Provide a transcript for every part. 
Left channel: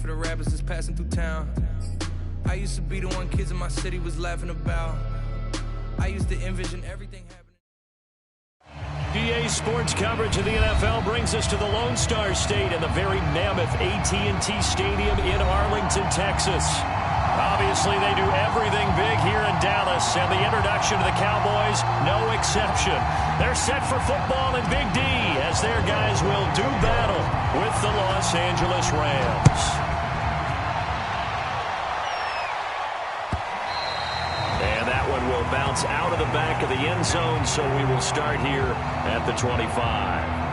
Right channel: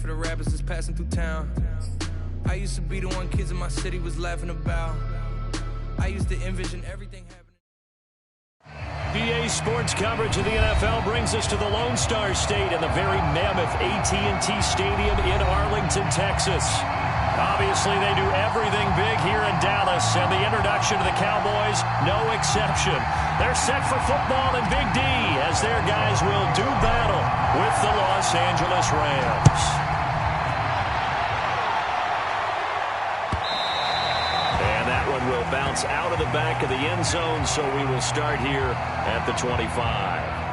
for the rappers that's passing through town. I used to be the one kids in my city was laughing about. I used to envision everything happening. DA Sports coverage of the NFL brings us to the Lone Star State and the very mammoth AT&T Stadium in Arlington, Texas. Obviously, they do everything big here in Dallas, and the introduction to the Cowboys, no exception. They're set for football in Big D as their guys will do battle with the Los Angeles Rams. And that one will bounce out of the back of the end zone, so we will start here at the 25.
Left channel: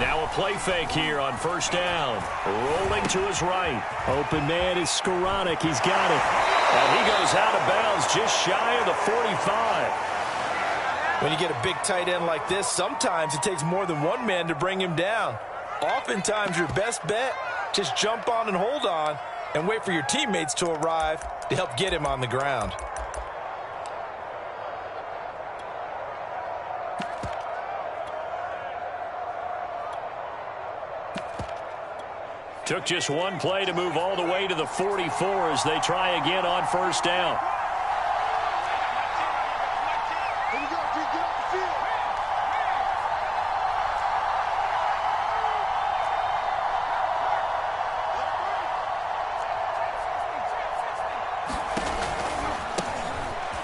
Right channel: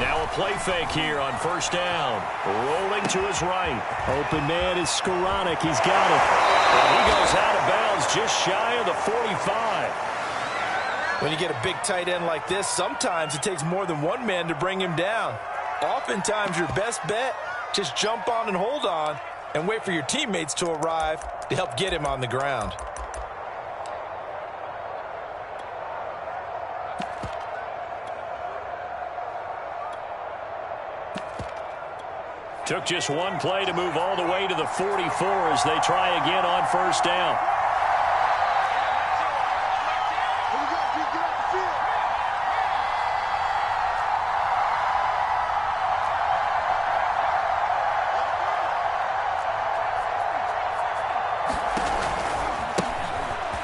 Now a play fake here on first down. Rolling to his right. Open man is Skoranek. He's got it. And he goes out of bounds just shy of the 45. When you get a big tight end like this, sometimes it takes more than one man to bring him down. Oftentimes your best bet, just jump on and hold on and wait for your teammates to arrive to help get him on the ground. Took just one play to move all the way to the 44 as they try again on first down.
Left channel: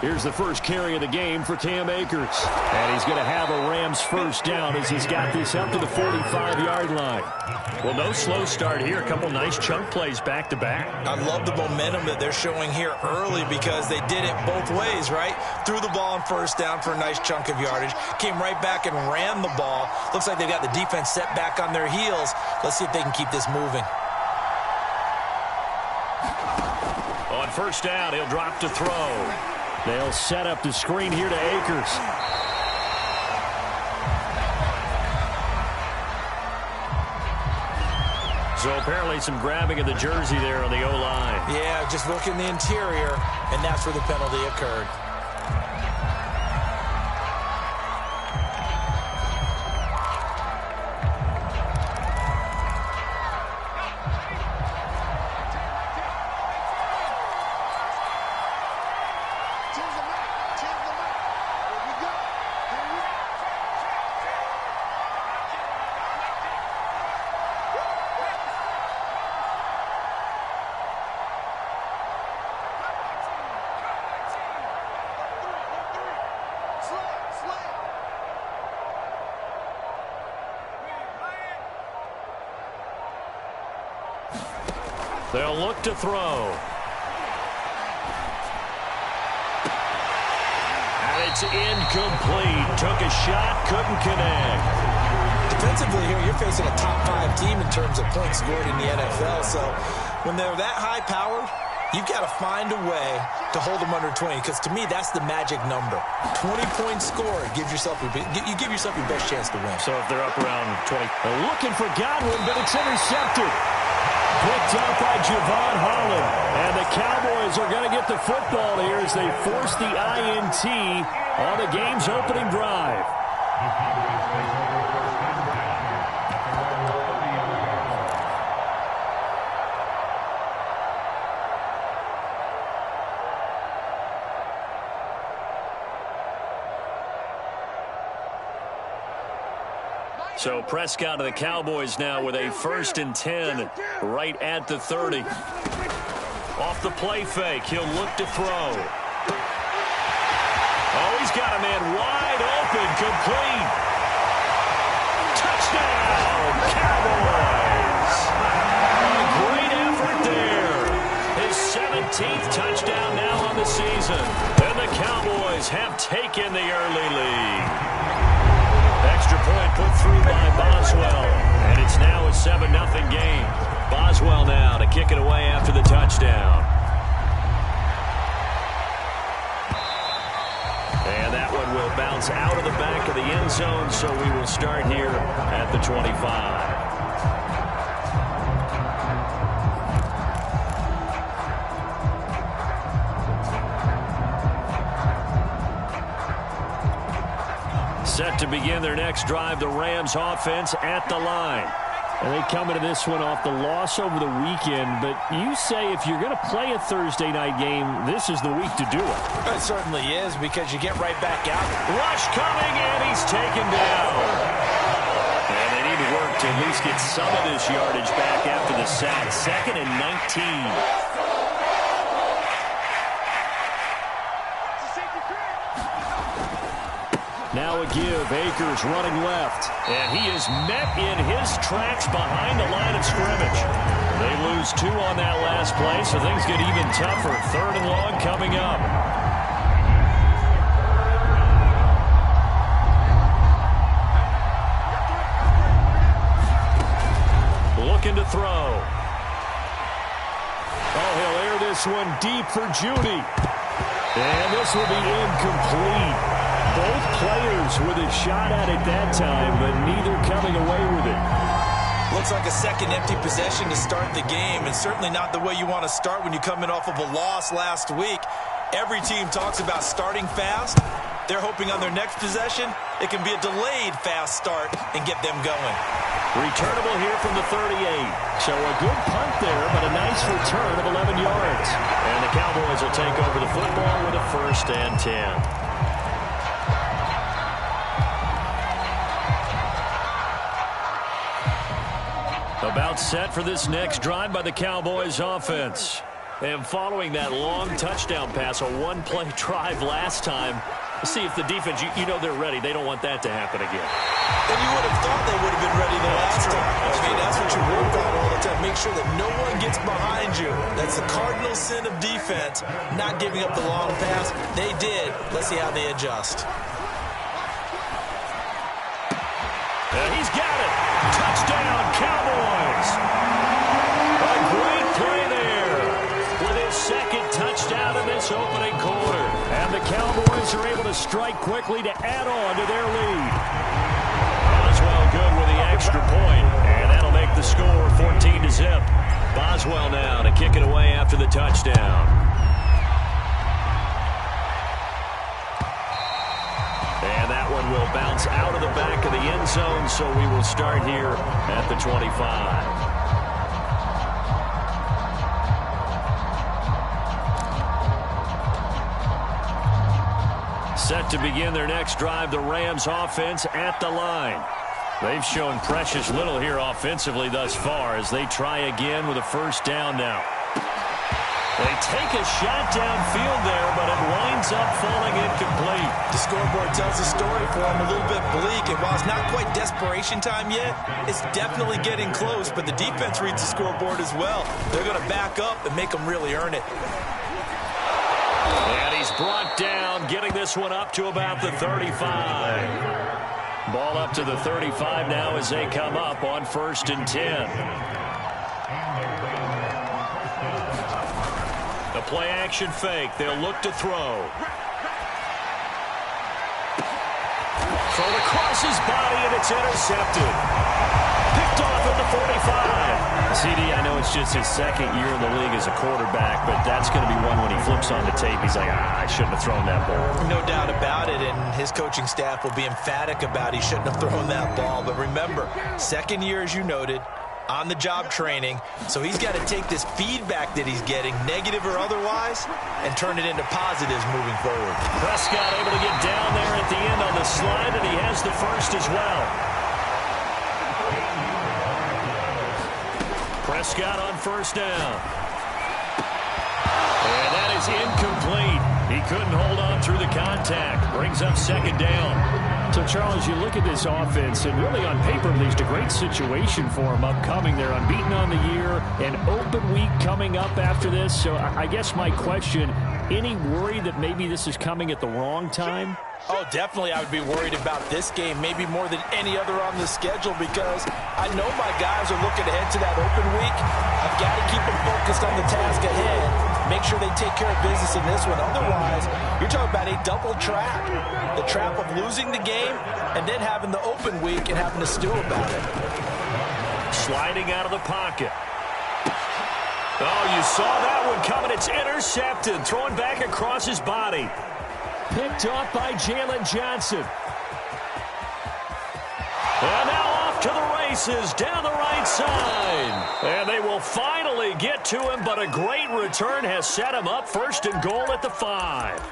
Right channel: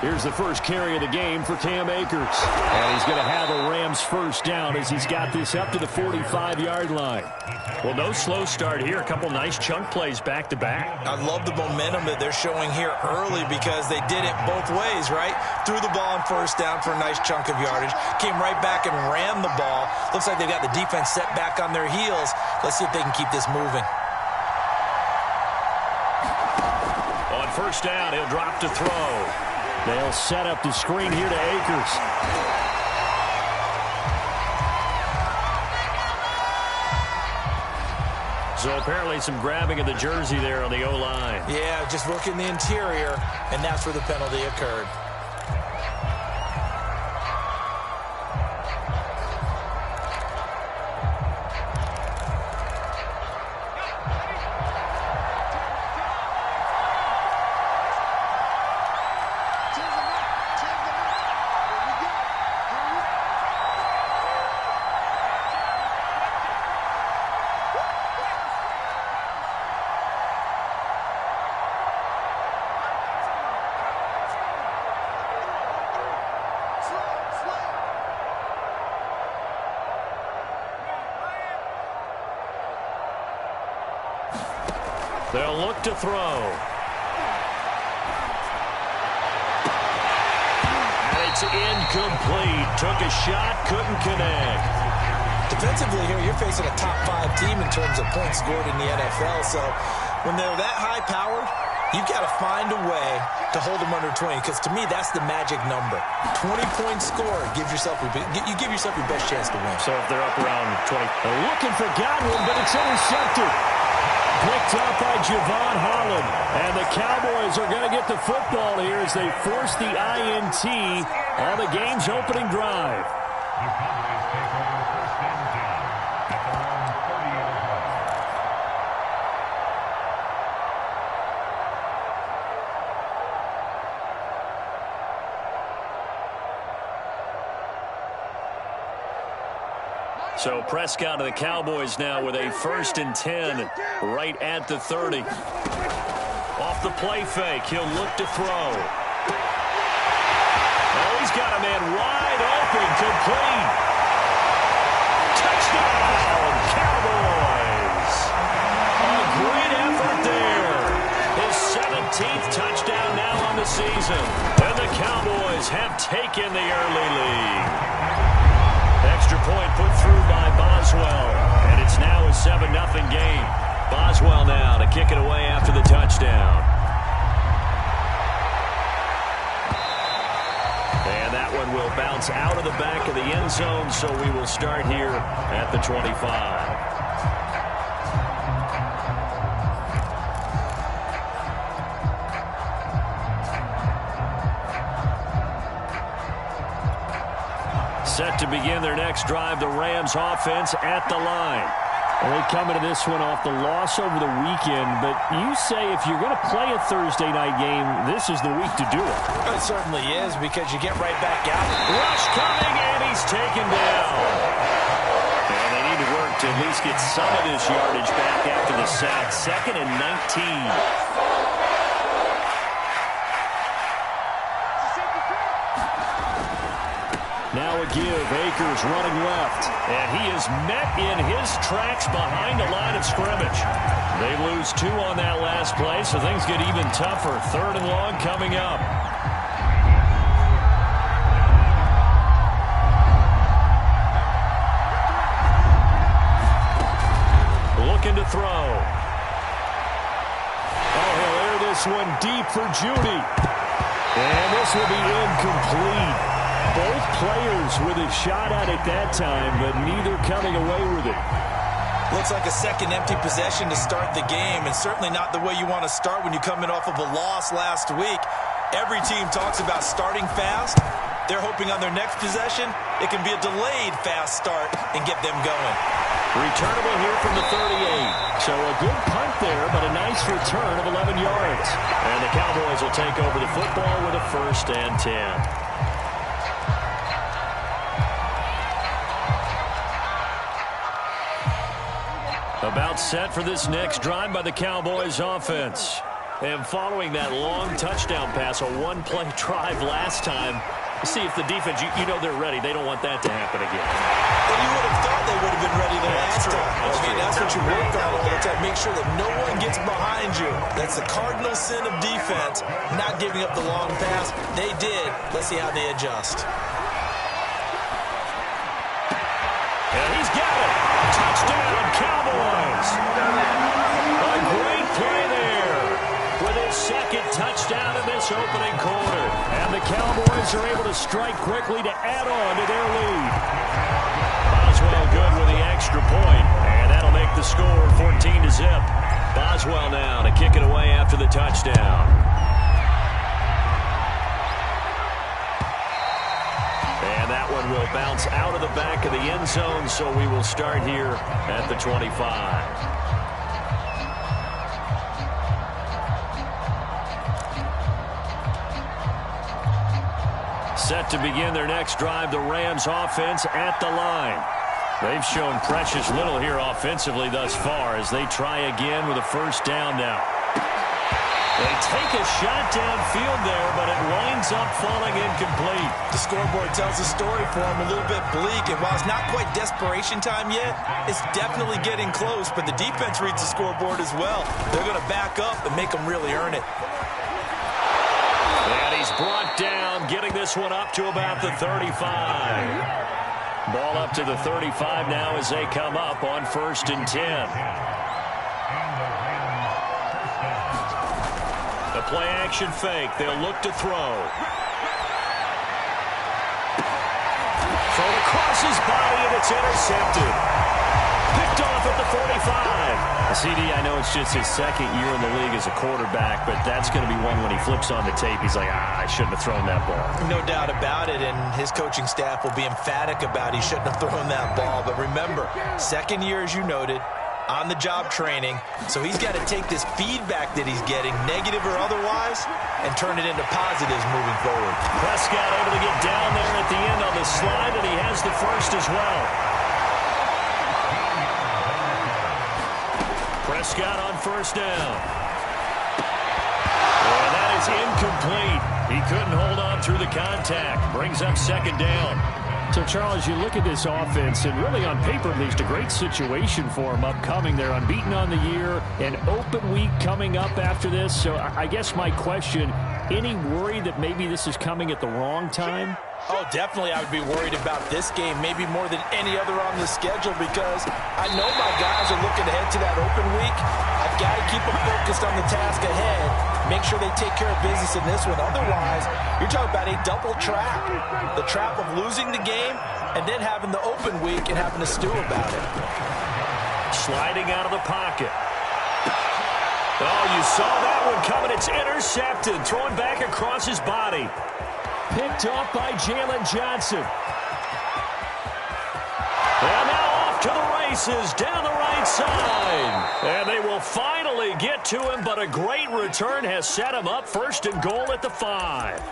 Here's the first carry of the game for Cam Akers. And he's going to have a Rams first down as he's got this up to the 45-yard line. Well, no slow start here. A couple nice chunk plays back-to-back. I love the momentum that they're showing here early because they did it both ways, right? Threw the ball on first down for a nice chunk of yardage. Came right back and ran the ball. Looks like they've got the defense set back on their heels. Let's see if they can keep this moving. On first down, he'll drop to throw. They'll set up the screen here to Akers. So apparently some grabbing of the jersey there on the O-line. Yeah, just working the interior, and that's where the penalty occurred. They'll look to throw. And it's incomplete. Took a shot, couldn't connect. Defensively here, you're facing a top-5 team in terms of points scored in the NFL. So when they're that high-powered, you've got to find a way to hold them under 20. Because to me, that's the magic number. 20 points scored. You give yourself your best chance to win. So if they're up around 20. They're looking for Godwin, but it's intercepted. Picked up by Javon Holland. And the Cowboys are going to get the football here as they force the INT on the game's opening drive. So Prescott of the Cowboys now with a 1st and 10 right at the 30. Off the play fake, he'll look to throw. Oh, he's got a man wide open, complete. Touchdown, Cowboys! A great effort there. His 17th touchdown now on the season. And the Cowboys have taken the early lead. Extra point put through by Boswell. And it's now a 7-0 game. Boswell now to kick it away after the touchdown. And that one will bounce out of the back of the end zone, so we will start here at the 25. Set to begin their next drive, the Rams offense at the line. And they come into this one off the loss over the weekend, but you say if you're going to play a Thursday night game, this is the week to do it. It certainly is, because you get right back out. Rush coming, and he's taken down. And they need to work to at least get some of this yardage back after the sack. 2nd and 19. Now a give. Akers running left. And he is met in his tracks behind the line of scrimmage. They lose 2 on that last play, so things get even tougher. 3rd and long coming up. Looking to throw. Oh, he'll air this one deep for Judy. And this will be incomplete. Both players with a shot at it that time, but neither coming away with it. Looks like a second empty possession to start the game, and certainly not the way you want to start when you come in off of a loss last week. Every team talks about starting fast. They're hoping on their next possession, it can be a delayed fast start and get them going. Returnable here from the 38. So a good punt there, but a nice return of 11 yards. And the Cowboys will take over the football with a 1st and 10. About set for this next drive by the Cowboys offense. And following that long touchdown pass, a one-play drive last time, see if the defense, you know they're ready. They don't want that to happen again. And you would have thought they would have been ready the last time. That's what you work on all the time. Make sure that no one gets behind you. That's the cardinal sin of defense, not giving up the long pass. They did. Let's see how they adjust. And he's got it. Touchdown, Cowboys. A great play there with his 2nd touchdown in this opening quarter. And the Cowboys are able to strike quickly to add on to their lead. Boswell good with the extra point, and that'll make the score 14-0. Boswell now to kick it away after the touchdown. And that one will bounce out of the back of the end zone, so we will start here at the 25. Set to begin their next drive, the Rams offense at the line. They've shown precious little here offensively thus far as they try again with a 1st down now. They take a shot downfield there, but it winds up falling incomplete. The scoreboard tells a story for them, a little bit bleak, and while it's not quite desperation time yet, it's definitely getting close, but the defense reads the scoreboard as well. They're going to back up and make them really earn it. And he's brought down, getting this one up to about the 35. Ball up to the 35 now as they come up on 1st and 10. The play action fake. They'll look to throw. Thrown across his body, and it's intercepted. Picked off at the 45. CD, I know it's just his 2nd year in the league as a quarterback, but that's going to be one when he flips on the tape. He's like, I shouldn't have thrown that ball. No doubt about it, and his coaching staff will be emphatic about he shouldn't have thrown that ball. But remember, 2nd year, as you noted, on-the-job training, so he's got to take this feedback that he's getting, negative or otherwise, and turn it into positives moving forward. Prescott able to get down there at the end on the slide, and he has the 1st as well. Prescott on 1st down. And that is incomplete. He couldn't hold on through the contact. Brings up 2nd down. So, Charles, you look at this offense, and really on paper, at least, a great situation for them upcoming. They're unbeaten on the year, an open week coming up after this. So I guess my question, any worry that maybe this is coming at the wrong time? Oh, definitely I would be worried about this game, maybe more than any other on the schedule, because I know my guys are looking ahead to that open week. I've got to keep them focused on the task ahead, make sure they take care of business in this one. Otherwise, you're talking about a double trap. The trap of losing the game and then having the open week and having to stew about it. Sliding out of the pocket. Oh, you saw that one coming. It's intercepted. Throwing back across his body. Picked off by Jalen Johnson. And now off to the races down the right side. And they will finally get to him, but a great return has set him up first and goal at the 5.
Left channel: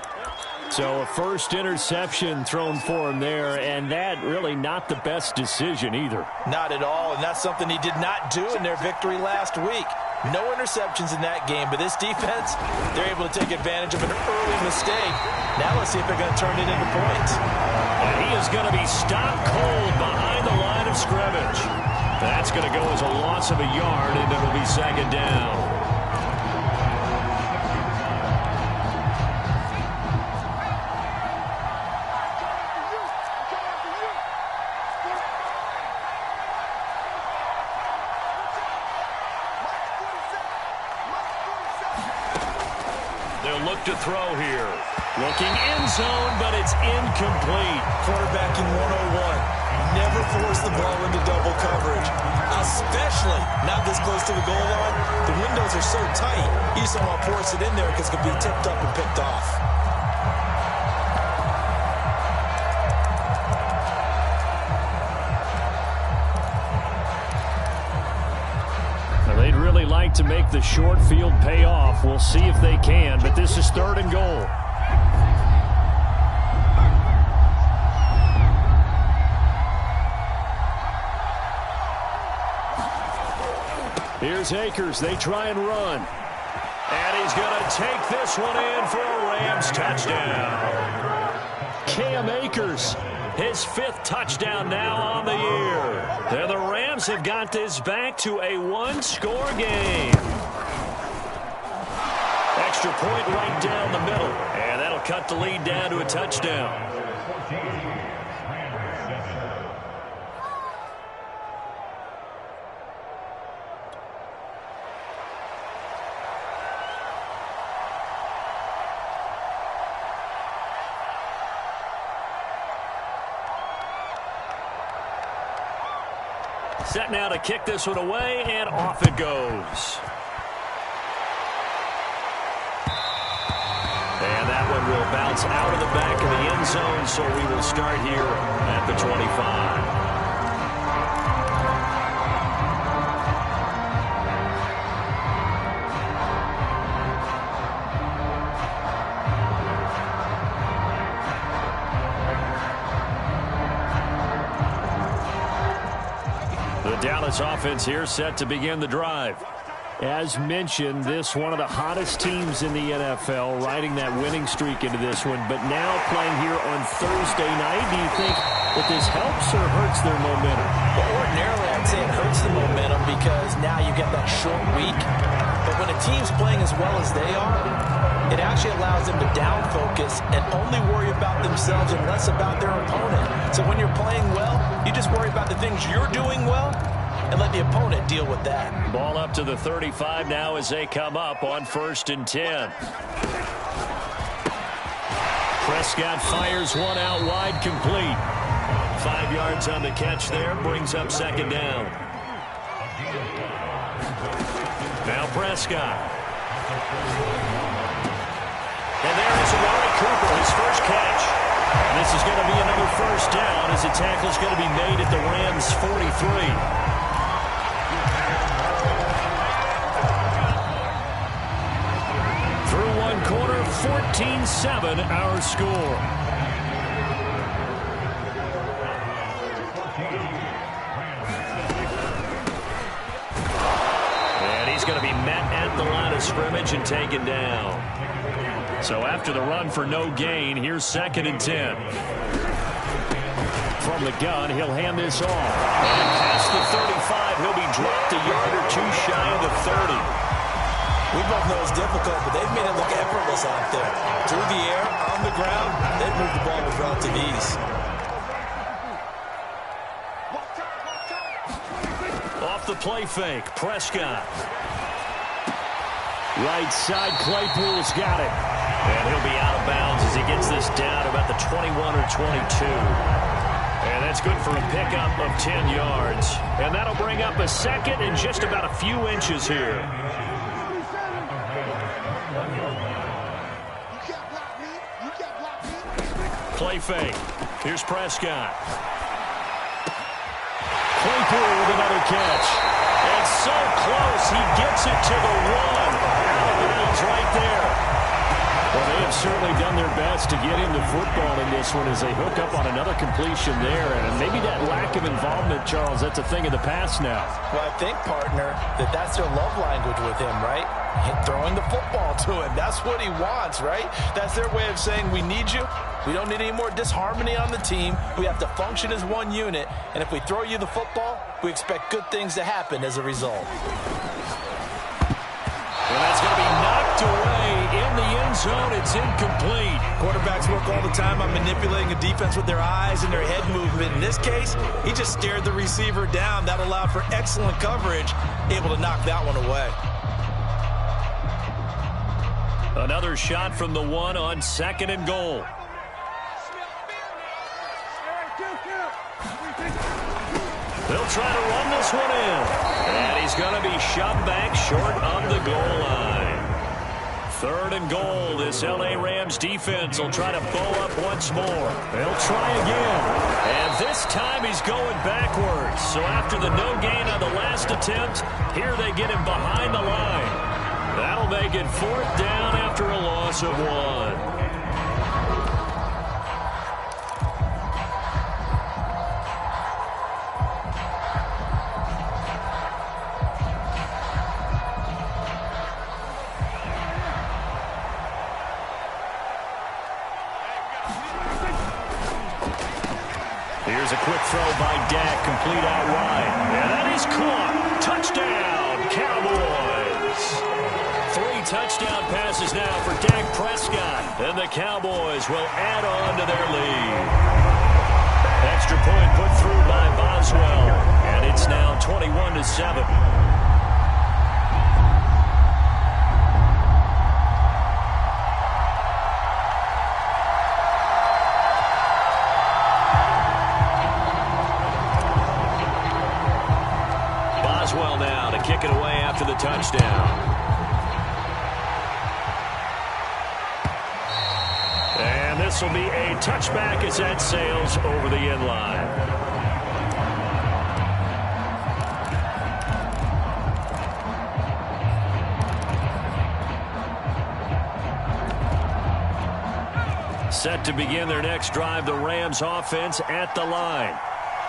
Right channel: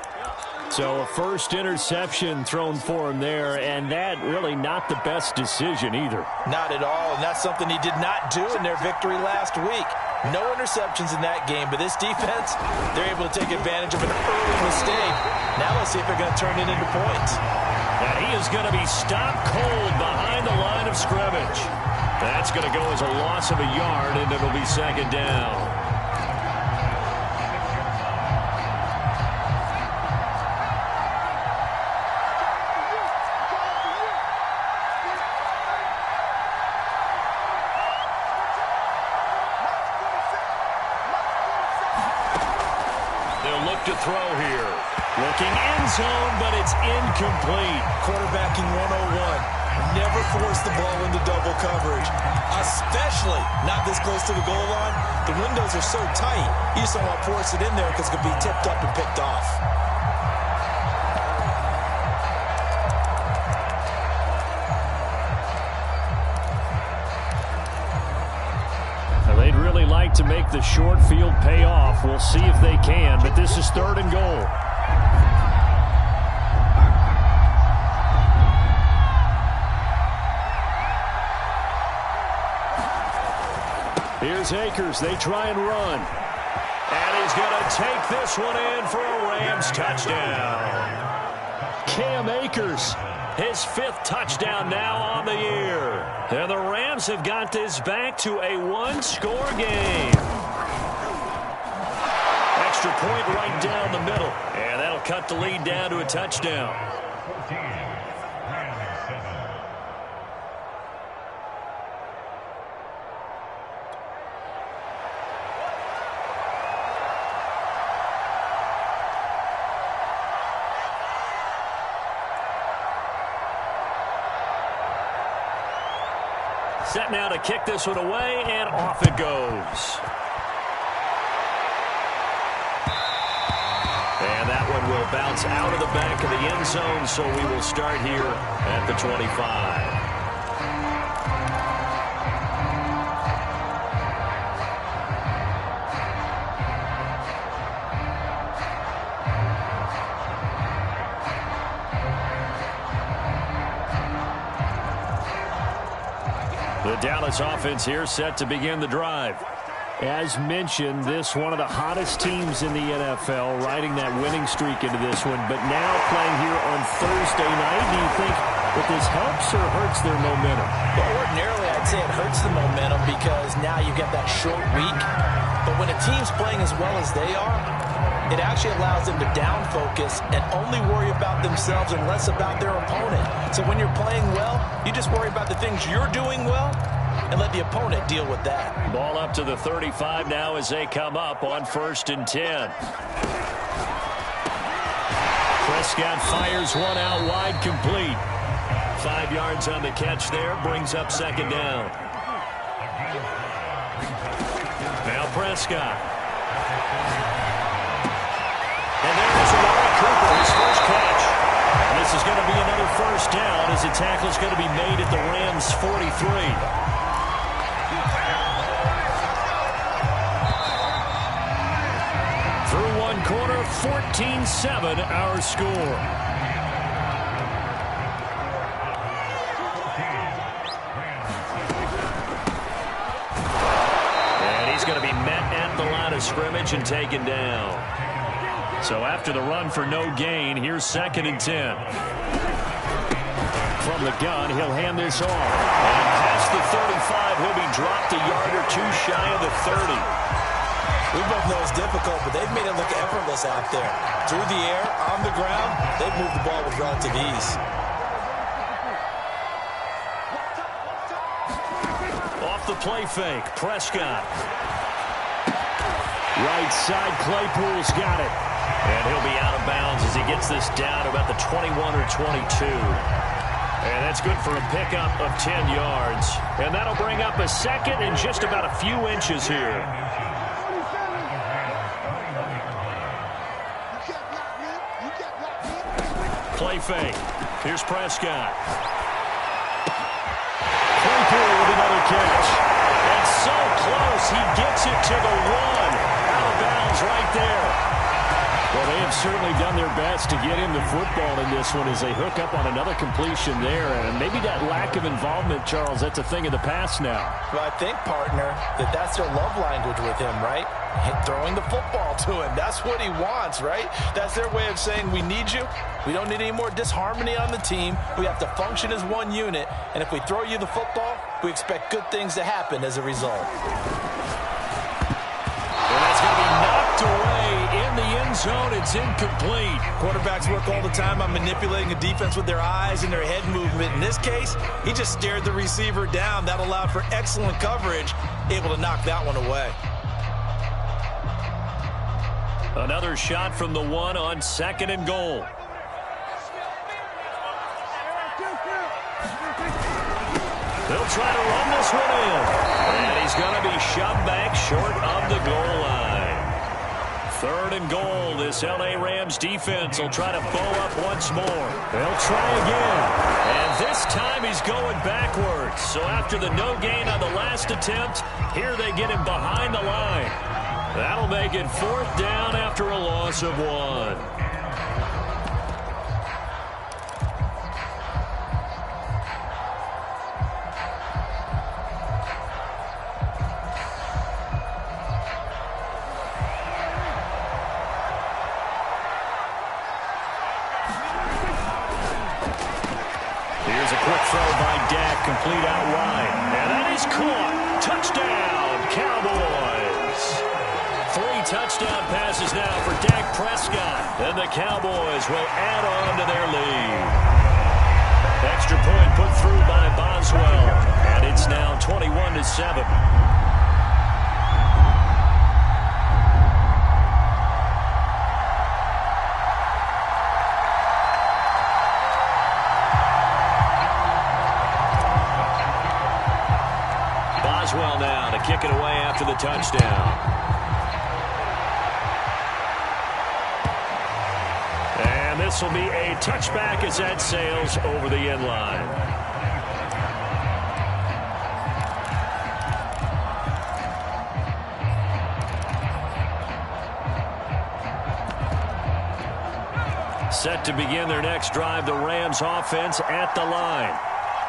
So a first interception thrown for him there, and that really not the best decision either. Not at all, and that's something he did not do in their victory last week. No interceptions in that game, but this defense, they're able to take advantage of an early mistake. Now let's see if they're going to turn it into points. And he is going to be stopped cold behind the line of scrimmage. That's going to go as a loss of a yard, and it'll be second down. To throw here. Looking end zone, but it's incomplete. Quarterbacking 101. Never force the ball into double coverage, especially not this close to the goal line. The windows are so tight, you just don't want to force it in there because it could be tipped up and picked off. They'd really like to make the short field pay off. We'll see if they can, but this is third and goal. Here's Akers. They try and run. And he's going to take this one in for a Rams touchdown. Cam Akers, his 5th touchdown now on the year. And the Rams have got this back to a one-score game. Extra point right down the middle. And that'll cut the lead down to a touchdown. Set now to kick this one away, and off it goes. And that one will bounce out of the back of the end zone, so we will start here at the 25. The Dallas offense here set to begin the drive. As mentioned, this one of the hottest teams in the NFL, riding that winning streak into this one, but now playing here on Thursday night. Do you think that this helps or hurts their momentum? Well, ordinarily, I'd say it hurts the momentum because now you get that short week. But when a team's playing as well as they are, it actually allows them to down focus and only worry about themselves and less about their opponent. So when you're playing well, you just worry about the things you're doing well and let the opponent deal with that. Ball up to the 35 now as they come up on 1st and 10. Prescott fires one out wide, complete. 5 yards on the catch there, brings up second down. Now Prescott. And there is Amari Cooper, his first catch. And this is going to be another first down as the tackle's going to be made at the Rams' 43. Through one quarter, 14-7 our score. And he's going to be met at the line of scrimmage and taken down. So after the run for no gain, here's 2nd and 10. from the gun. He'll hand this off. And past the 35, he'll be dropped a yard or two shy of the 30. We both know it's difficult, but they've made it look effortless out there. Through the air, on the ground, they've moved the ball with relative ease. Off the play fake, Prescott. Right side, Claypool's got it. And he'll be out of bounds as he gets this down about the 21 or 22. And that's good for a pickup of 10 yards. And that'll bring up a second and just about a few inches here. Play fake. Here's Prescott. Claypool with another catch. And so close, he gets it to the 1. Out of bounds right there. Well, they have certainly done their best to get him the football in this one as they hook up on another completion there. And maybe that lack of involvement, Charles, that's a thing of the past now. Well, I think, partner, that's their love language with him, right? Throwing the football to him. That's what he wants, right? That's their way of saying, we need you. We don't need any more disharmony on the team. We have to function as one unit. And if we throw you the football, we expect good things to happen as a result. And that's going to be knocked away in the end zone. It's incomplete. Quarterbacks work all the time on manipulating a defense with their eyes and their head movement. In this case, he just stared the receiver down. That allowed for excellent coverage, able to knock that one away. Another shot from the 1 on 2nd and goal. They'll try to run this one in. And he's going to be shoved back short of the goal line. 3rd and goal. This L.A. Rams defense will try to bow up once more. They'll try again. And this time he's going backwards. So after the no gain on the last attempt, here they get him behind the line. That'll make it 4th down after a loss of 1. Here's a quick throw by Dak, complete out wide. And that is caught. Touchdown, Cowboys. 3 touchdown passes now for Dak Prescott. And the Cowboys will add on to their lead. Extra point put through by Boswell. And it's now 21-7. Boswell now to kick it away after the touchdown. And this will be a touchback as that sails over the end line. Set to begin their next drive, the Rams offense at the line.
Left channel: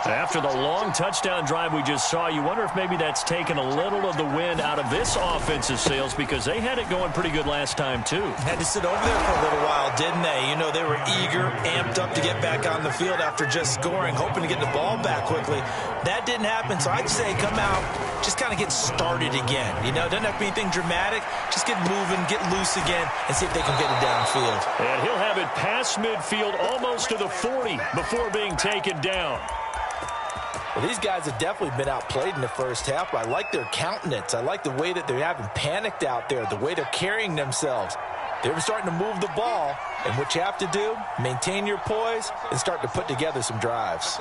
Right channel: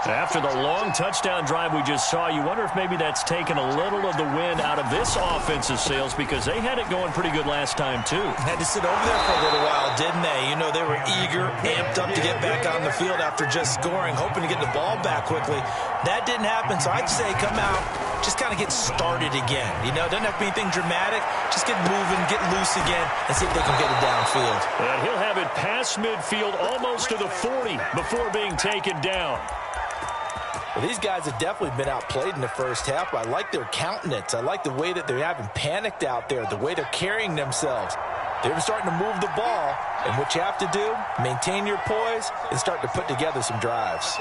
After the long touchdown drive we just saw, you wonder if maybe that's taken a little of the wind out of this offensive sails because they had it going pretty good last time, too. Had to sit over there for a little while, didn't they? You know, they were eager, amped up to get back on the field after just scoring, hoping to get the ball back quickly. That didn't happen, so I'd say come out, just kind of get started again. You know, doesn't have to be anything dramatic. Just get moving, get loose again, and see if they can get it downfield. And he'll have it past midfield almost to the 40 before being taken down. Well, these guys have definitely been outplayed in the first half. I like their countenance. I like the way that they're having panicked out there, the way they're carrying themselves. They're starting to move the ball, and what you have to do, maintain your poise and start to put together some drives.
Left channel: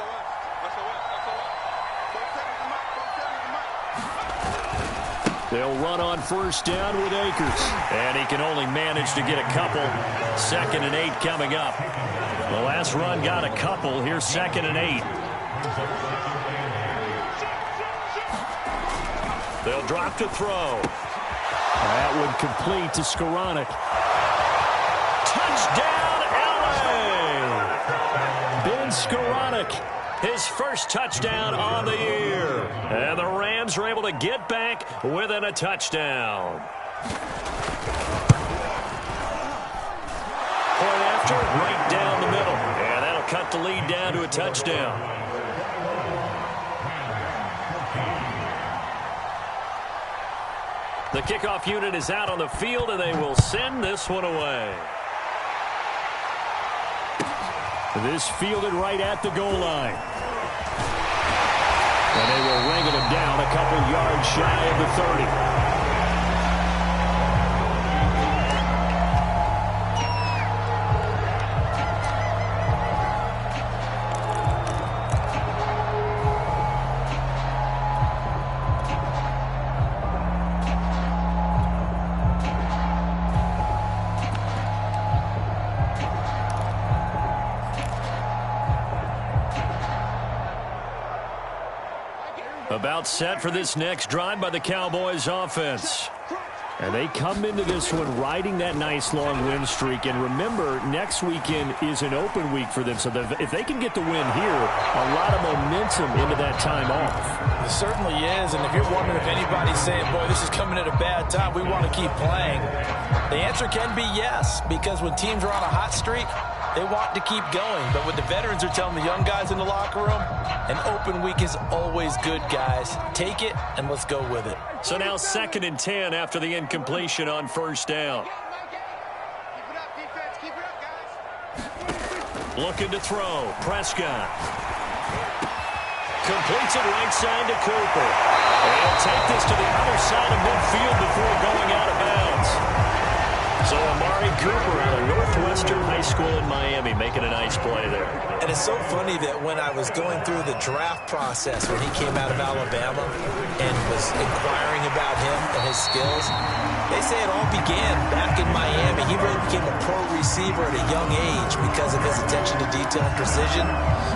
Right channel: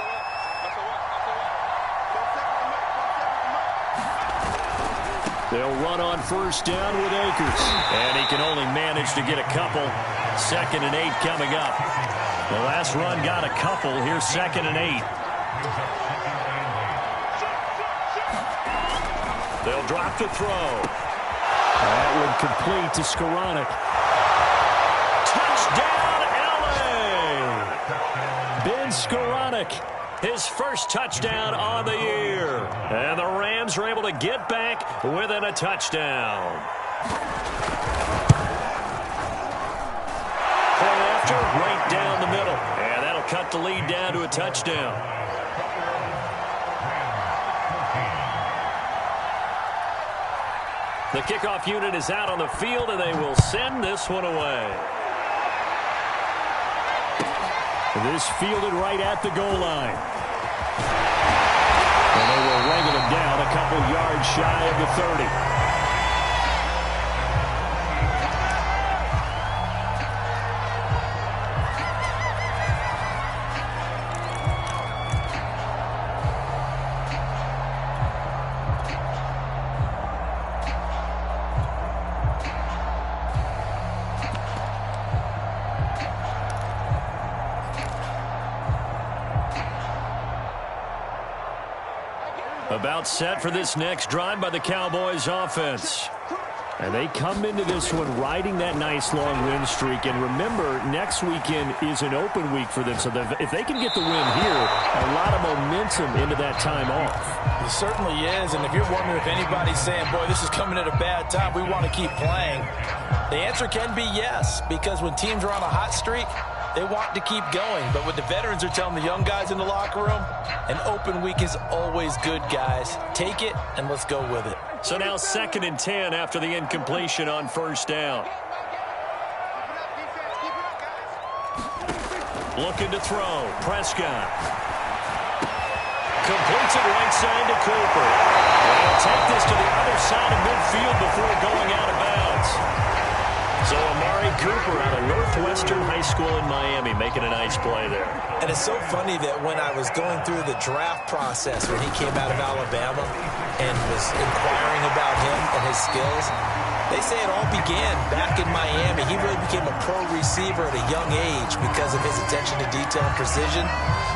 They'll run on first down with Akers. And he can only manage to get a couple. 2nd and 8 coming up. The last run got a couple. Here's 2nd and 8. They'll drop to throw. That would complete to Skoranek. Touchdown, L.A. Ben Skoranek, his first touchdown on the year. And the Rams are able to get back within a touchdown. Point after, right down the middle. And that'll cut the lead down to a touchdown. The kickoff unit is out on the field, and they will send this one away. This fielded right at the goal line. And they will wrangle him down a couple yards shy of the 30. About set for this next drive by the Cowboys offense. And they come into this one riding that nice long win streak. And remember, next weekend is an open week for them. So if they can get the win here, a lot of momentum into that time off. It certainly is. And if you're wondering if anybody's saying, boy, this is coming at a bad time, we want to keep playing, the answer can be yes. Because when teams are on a hot streak, they want to keep going. But what the veterans are telling the young guys in the locker room, an open week is always good, guys. Take it, and let's go with it. So now 2nd and 10 after the incompletion on first down. Looking to throw. Prescott. Completes it right side to Cooper. And he'll take this to the other side of midfield before going out of bounds. So Amari Cooper out of Northwestern High School in Miami making a nice play there. And it's so funny that when I was going through the draft process when he came out of Alabama and was inquiring about him and his skills, they say it all began back in Miami. He really became a pro receiver at a young age because of his attention to detail and precision.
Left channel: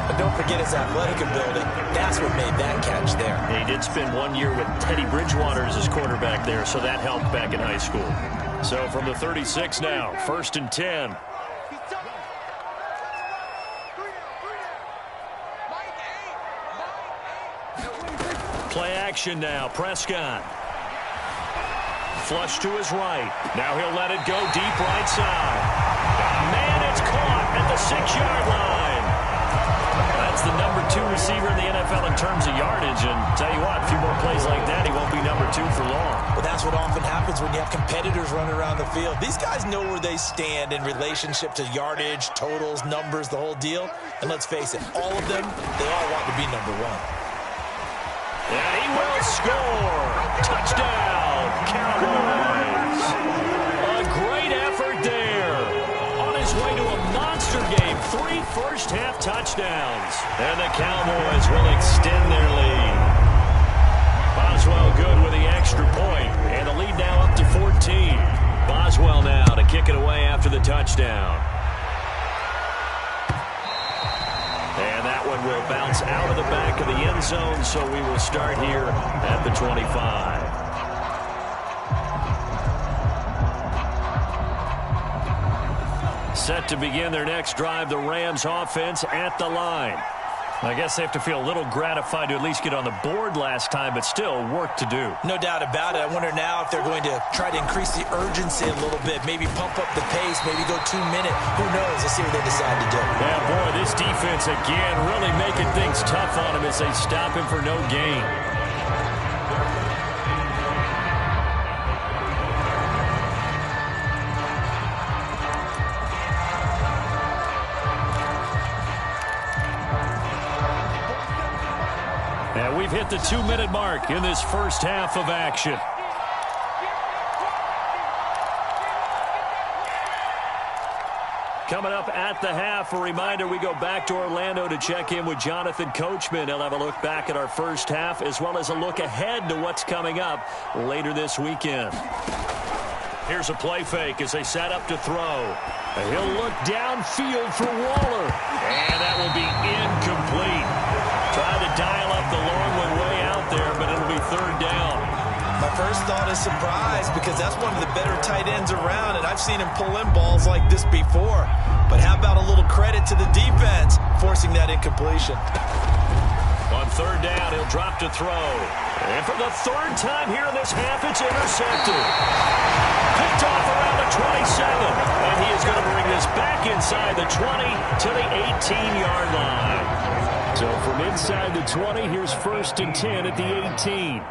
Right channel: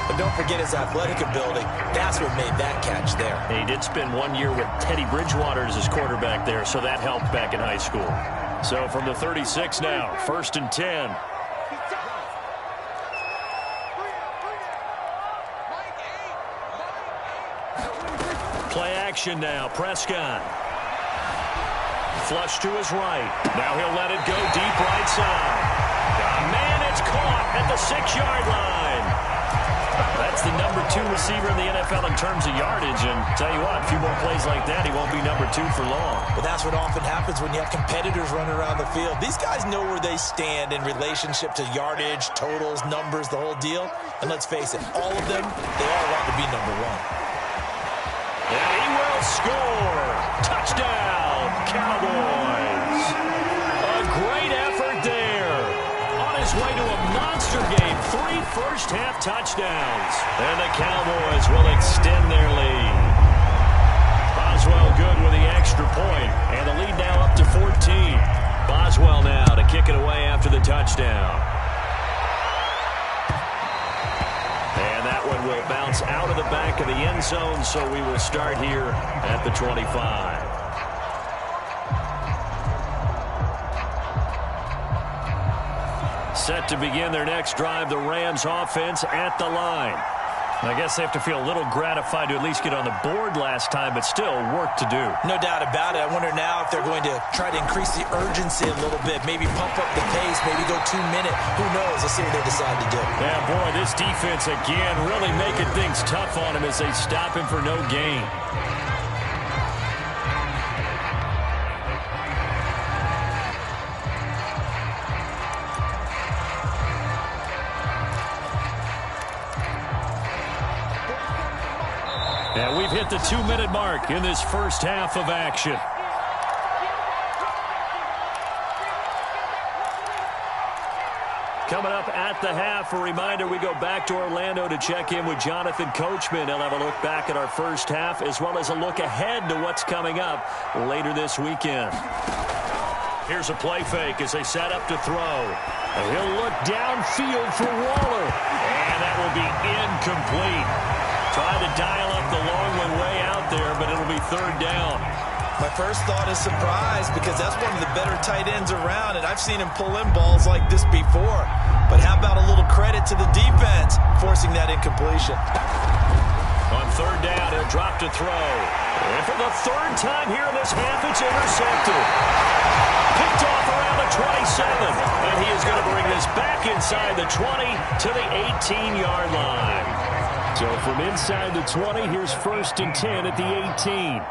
But don't forget his athletic ability. That's what made that catch there. And he did spend 1 year with Teddy Bridgewater as his quarterback there, so that helped back in high school. So from the 36 now, 1st and 10. Play action now. Prescott. Flush to his right. Now he'll let it go deep right side. Man, it's caught at the 6-yard line. That's the number 2 receiver in the NFL in terms of yardage. And tell you what, a few more plays like that, he won't be number 2 for long. Well, that's what often happens when you have competitors running around the field. These guys know where they stand in relationship to yardage, totals, numbers, the whole deal. And let's face it, all of them, they all want to be number 1. And he will score. Touchdown, Cowboys. A great effort there. On his way to a monster game. 3 first-half touchdowns. And the Cowboys will extend their lead. Boswell good with the extra point. And the lead now up to 14. Boswell now to kick it away after the touchdown. And that one will bounce out of the back of the end zone, so we will start here at the 25. Set to begin their next drive, the Rams offense at the line. I guess they have to feel a little gratified to at least get on the board last time, but still work to do. No doubt about it. I wonder now if they're going to try to increase the urgency a little bit, maybe pump up the pace, maybe go 2-minute. Who knows? Let's see what they decide to do. Yeah, boy, this defense again really making things tough on him as they stop him for no gain. And we've hit the 2-minute mark in this first half of action. Coming up at the half, a reminder, we go back to Orlando to check in with Jonathan Coachman. He'll have a look back at our first half as well as a look ahead to what's coming up later this weekend. Here's a play fake as they set up to throw. And he'll look downfield for Waller. And that will be incomplete. Tried to dial up the long one way out there, but it'll be 3rd down. My first thought is surprise because that's one of the better tight ends around, and I've seen him pull in balls like this before. But how about a little credit to the defense forcing that incompletion? On 3rd down, He'll drop to throw. And for the third time here in this half, it's intercepted. Picked off around the 27. And he is going to bring this back inside the 20 to the 18-yard line. So from inside the 20, here's 1st and 10 at the 18.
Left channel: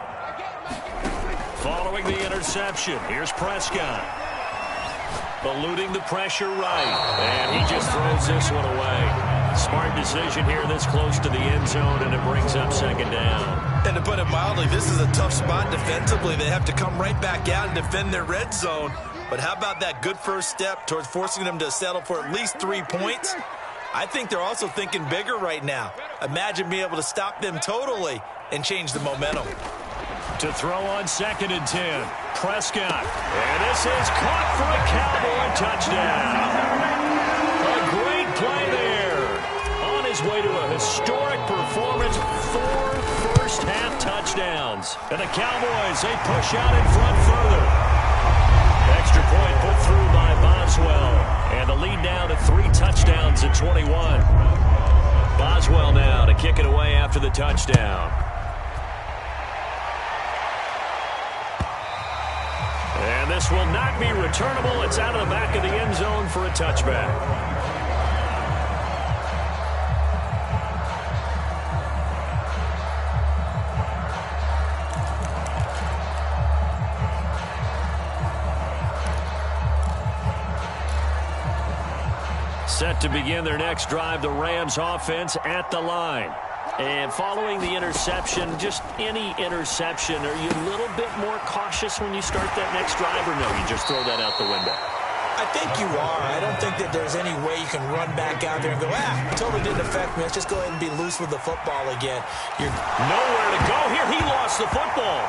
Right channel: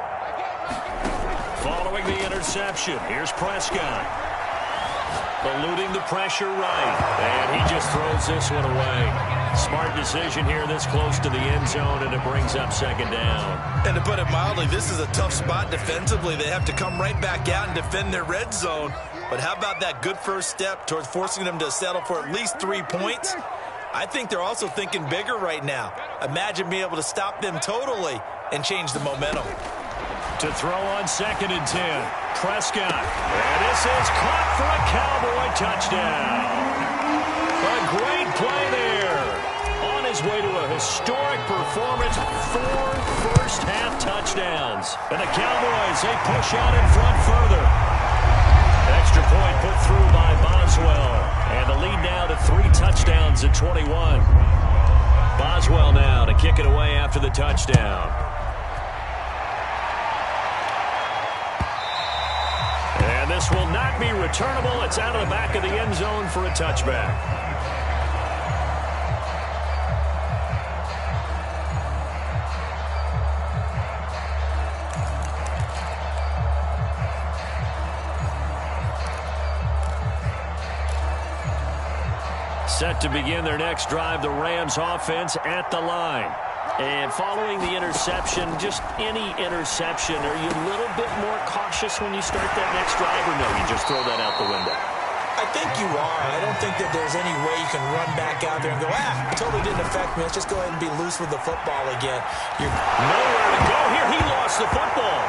Following the interception, here's Prescott. Eluding the pressure right. And he just throws this one away. Smart decision here this close to the end zone, and it brings up 2nd down. And to put it mildly, this is a tough spot defensively. They have to come right back out and defend their red zone. But how about that good first step towards forcing them to settle for at least 3 points? I think they're also thinking bigger right now. Imagine being able to stop them totally and change the momentum. To throw on 2nd and 10. Prescott. And this is caught for a Cowboy touchdown. A great play there. On his way to a historic performance, 4 first-half touchdowns. And the Cowboys, they push out in front further. Extra point put through by Boswell. And the lead now to 3 touchdowns at 21. Boswell now to kick it away after the touchdown. And this will not be returnable. It's out of the back of the end zone for a touchback. Set to begin their next drive, the Rams offense at the line. And following the interception, just any interception, are you a little bit more cautious when you start that next drive, or no, you just throw that out the window? I think you are. I don't think that there's any way you can run back out there and go, totally didn't affect me. Let's just go ahead and be loose with the football again. You're nowhere to go here. He lost the football.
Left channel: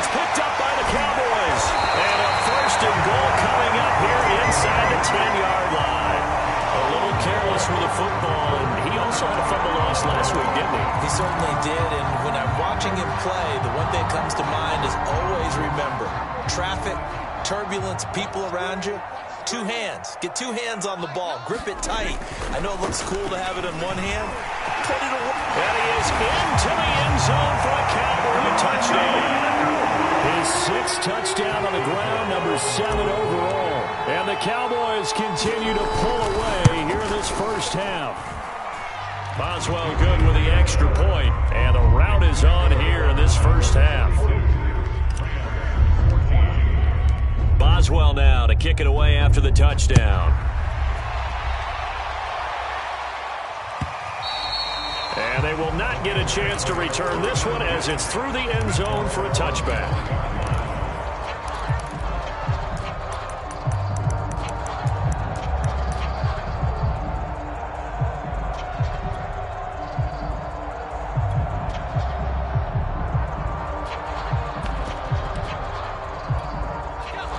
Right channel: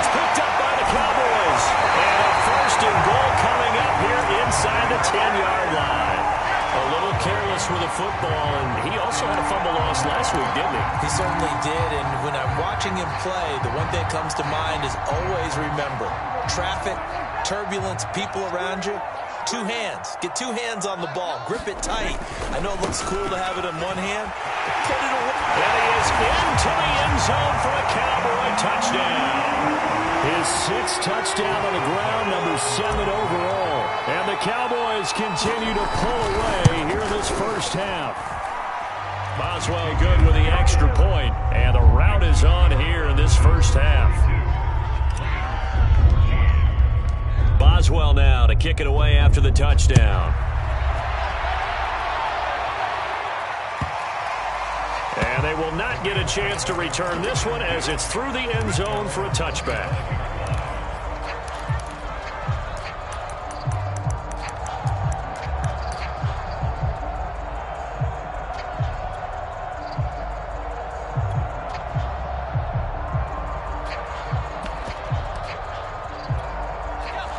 It's picked up by the Cowboys. And a 1st and goal coming up here inside the 10-yard line. A little careless with the football, and he also had a fumble loss last week, didn't he? He certainly did, and when I'm watching him play, the one thing that comes to mind is always remember, traffic, turbulence, people around you, 2 hands. Get 2 hands on the ball. Grip it tight. I know it looks cool to have it in one hand, but put it away. And he is into the end zone for a Cowboy touchdown. His 6th touchdown on the ground, number 7 overall. And the Cowboys continue to pull away here in this first half. Boswell good with the extra point, and the route is on here in this first half. Boswell now to kick it away after the touchdown. And they will not get a chance to return this one as it's through the end zone for a touchback.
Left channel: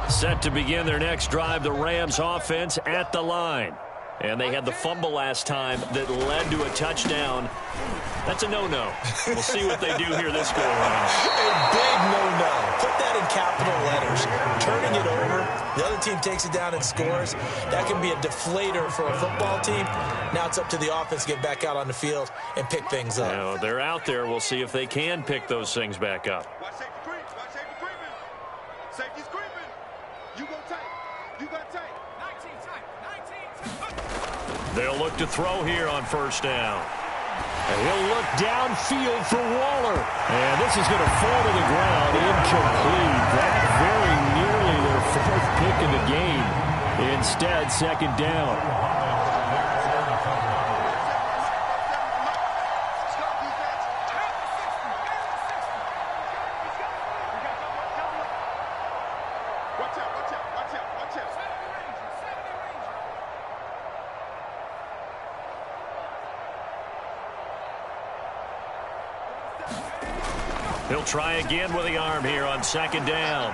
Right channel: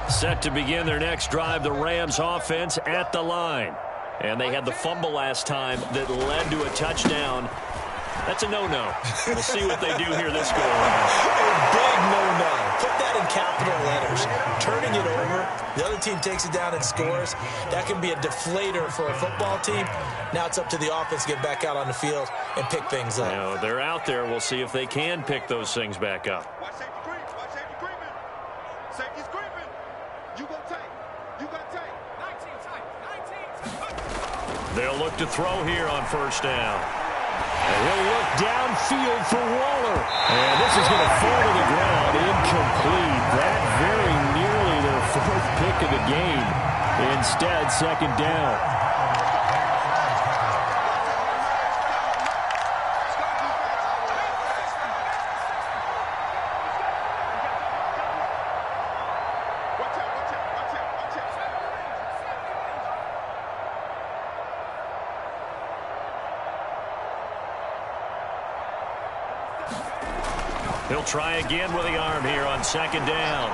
Set to begin their next drive, the Rams offense at the line. And they had the fumble last time that led to a touchdown. That's a no-no. We'll see what they do here this go-around. A big no-no. Put that in capital letters. Turning it over, the other team takes it down and scores. That can be a deflator for a football team. Now it's up to the offense to get back out on the field and pick things up. Now, they're out there. We'll see if they can pick those things back up. Watch safety creep. Watch safety creeping. Safety's creeping. You go tight. You got tight. 19 tight. 19 tight. They'll look to throw here on 1st down. And he'll look downfield for Waller. And this is going to fall to the ground. Incomplete. That very nearly their 4th pick of the game. Instead, 2nd down. He'll try again with the arm here on 2nd down.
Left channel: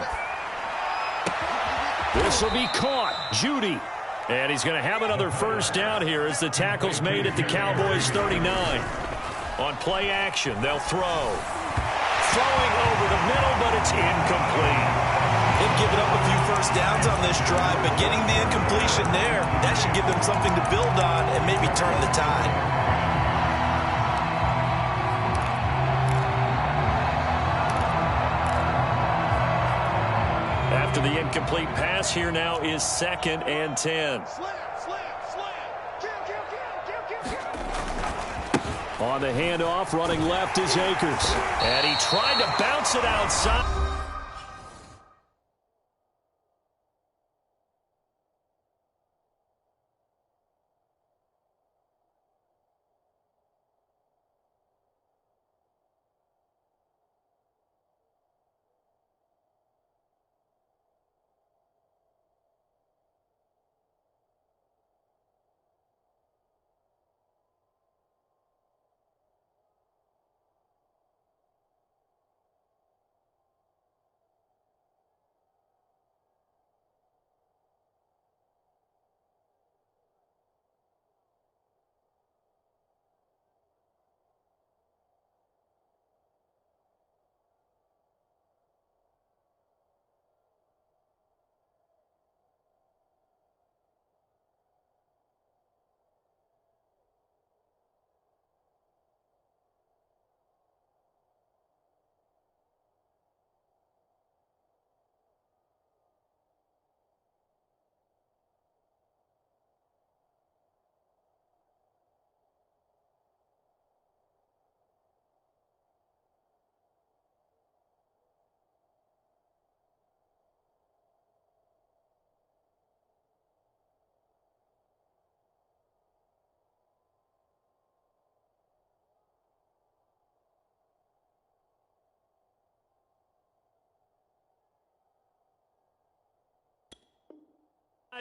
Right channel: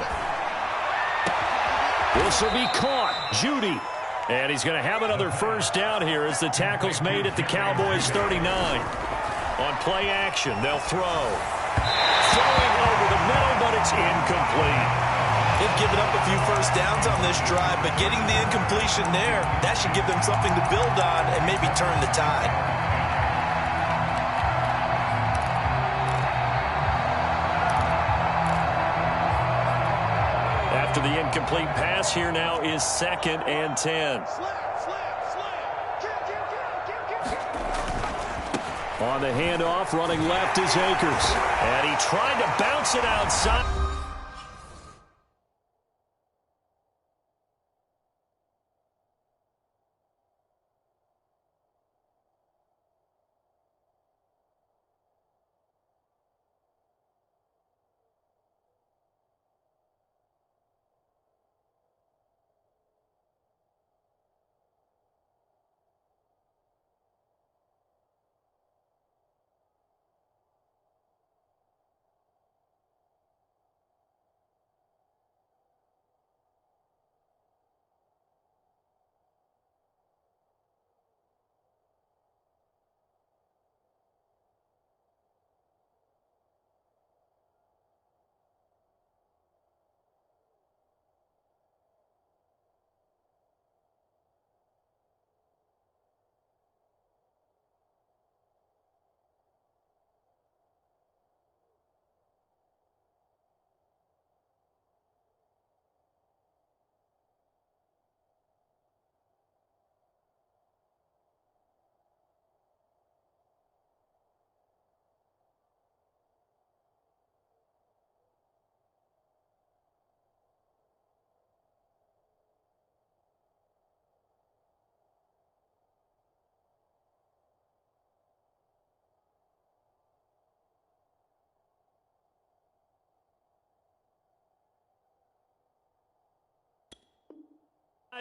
This will be caught. Judy. And he's going to have another 1st down here as the tackle's made at the Cowboys 39. On play action, they'll throw. Throwing over the middle, but it's incomplete. They've given up a few 1st downs on this drive, but getting the incompletion there, that should give them something to build on and maybe turn the tide. After the incomplete pass, here now is 2nd and 10. On the handoff, running left is Akers. And he tried to bounce it outside.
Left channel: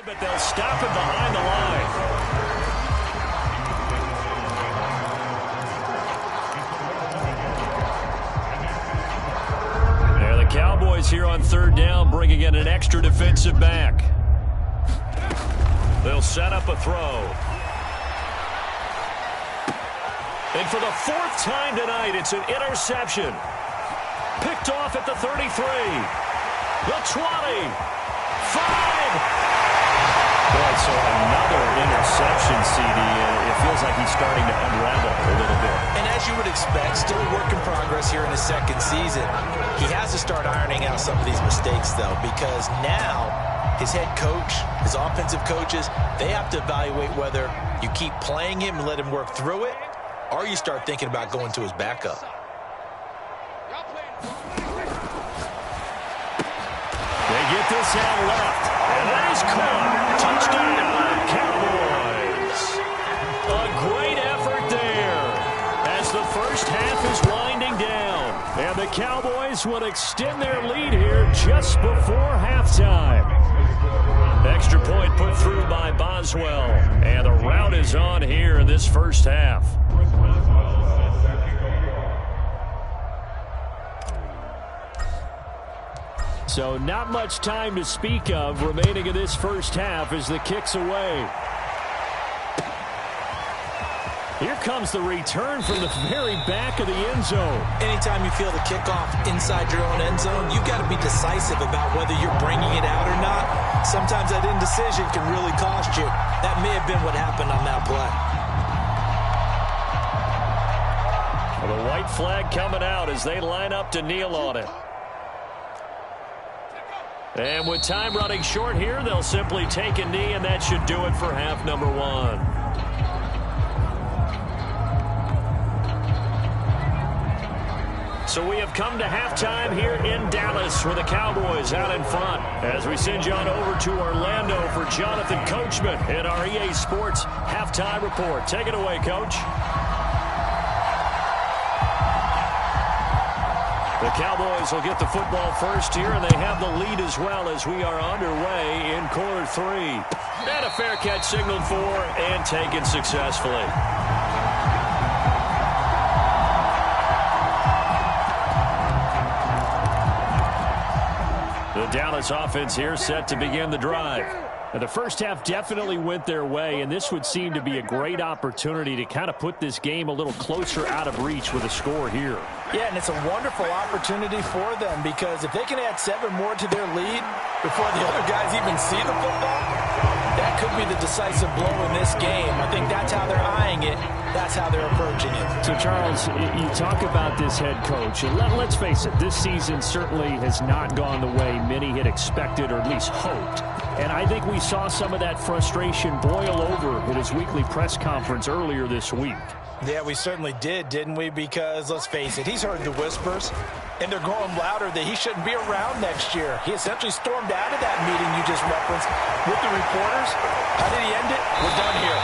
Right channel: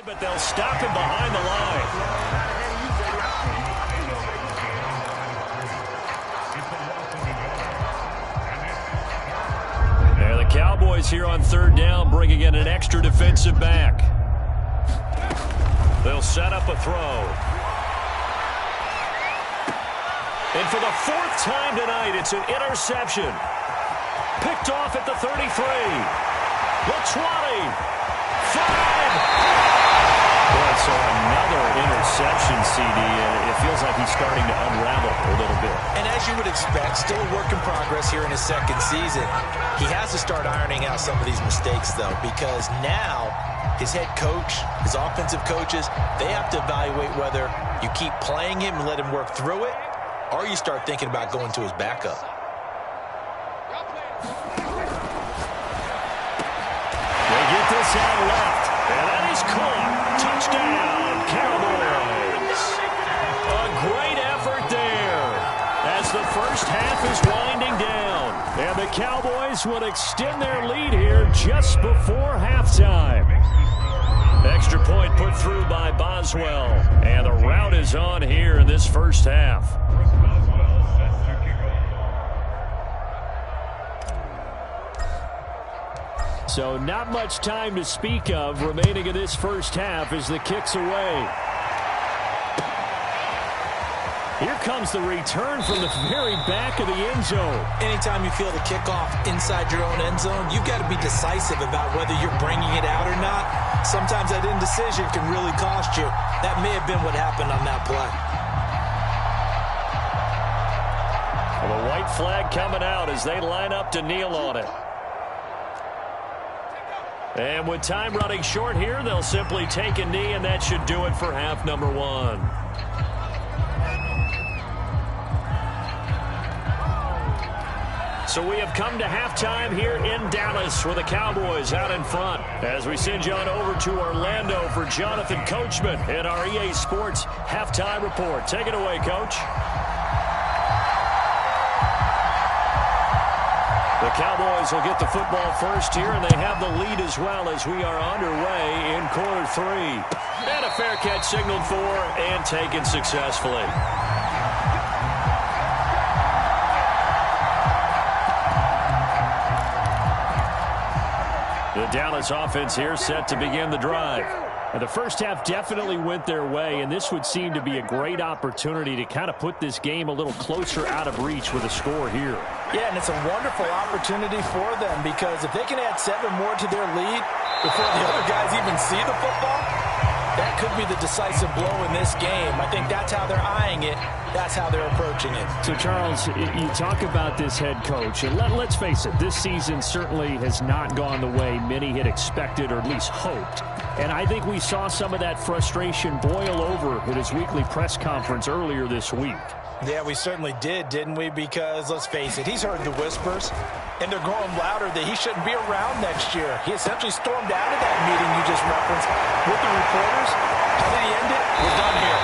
But they'll stop him behind the line. There the Cowboys here on 3rd down, bringing in an extra defensive back. They'll set up a throw. And for the 4th time tonight, it's an interception. Picked off at the 33. The 20. 5. Boy, so another interception, CD, and it feels like he's starting to unravel a little bit. And as you would expect, still a work in progress here in his 2nd season. He has to start ironing out some of these mistakes, though, because now his head coach, his offensive coaches, they have to evaluate whether you keep playing him and let him work through it, or you start thinking about going to his backup. They get this out left, and that is caught. Touchdown, Cowboys. A great effort there as the first half is winding down. And the Cowboys will extend their lead here just before halftime. Extra point put through by Boswell. And the route is on here in this first half. So not much time to speak of remaining in this first half as the kick's away. Here comes the return from the very back of the end zone. Anytime you feel the kickoff inside your own end zone, you've got to be decisive about whether you're bringing it out or not. Sometimes that indecision can really cost you. That may have been what happened on that play. Well, the white flag coming out as they line up to kneel on it. And with time running short here, they'll simply take a knee, and that should do it for half number 1. So we have come to halftime here in Dallas with the Cowboys out in front. As we send you on over to Orlando for Jonathan Coachman in our EA Sports Halftime Report. Take it away, Coach. The Cowboys will get the football first here, and they have the lead as well as we are underway in quarter 3. And a fair catch signaled for and taken successfully. The Dallas offense here set to begin the drive. And the first half definitely went their way, and this would seem to be a great opportunity to kind of put this game a little closer out of reach with a score here. Yeah, and it's a wonderful opportunity for them because if they can add 7 more to their lead before the other guys even see the football, that could be the decisive blow in this game. I think that's how they're eyeing it. That's how they're approaching it. So, Charles, you talk about this head coach, and let's face it, this season certainly has not gone the way many had expected or at least hoped. And I think we saw some of that frustration boil over at his weekly press conference earlier this week. Yeah, we certainly did, didn't we? Because, let's face it, he's heard the whispers, and they're growing louder that he shouldn't be around next year. He essentially stormed out of that meeting you just referenced with the reporters. How did he end it? We're done here.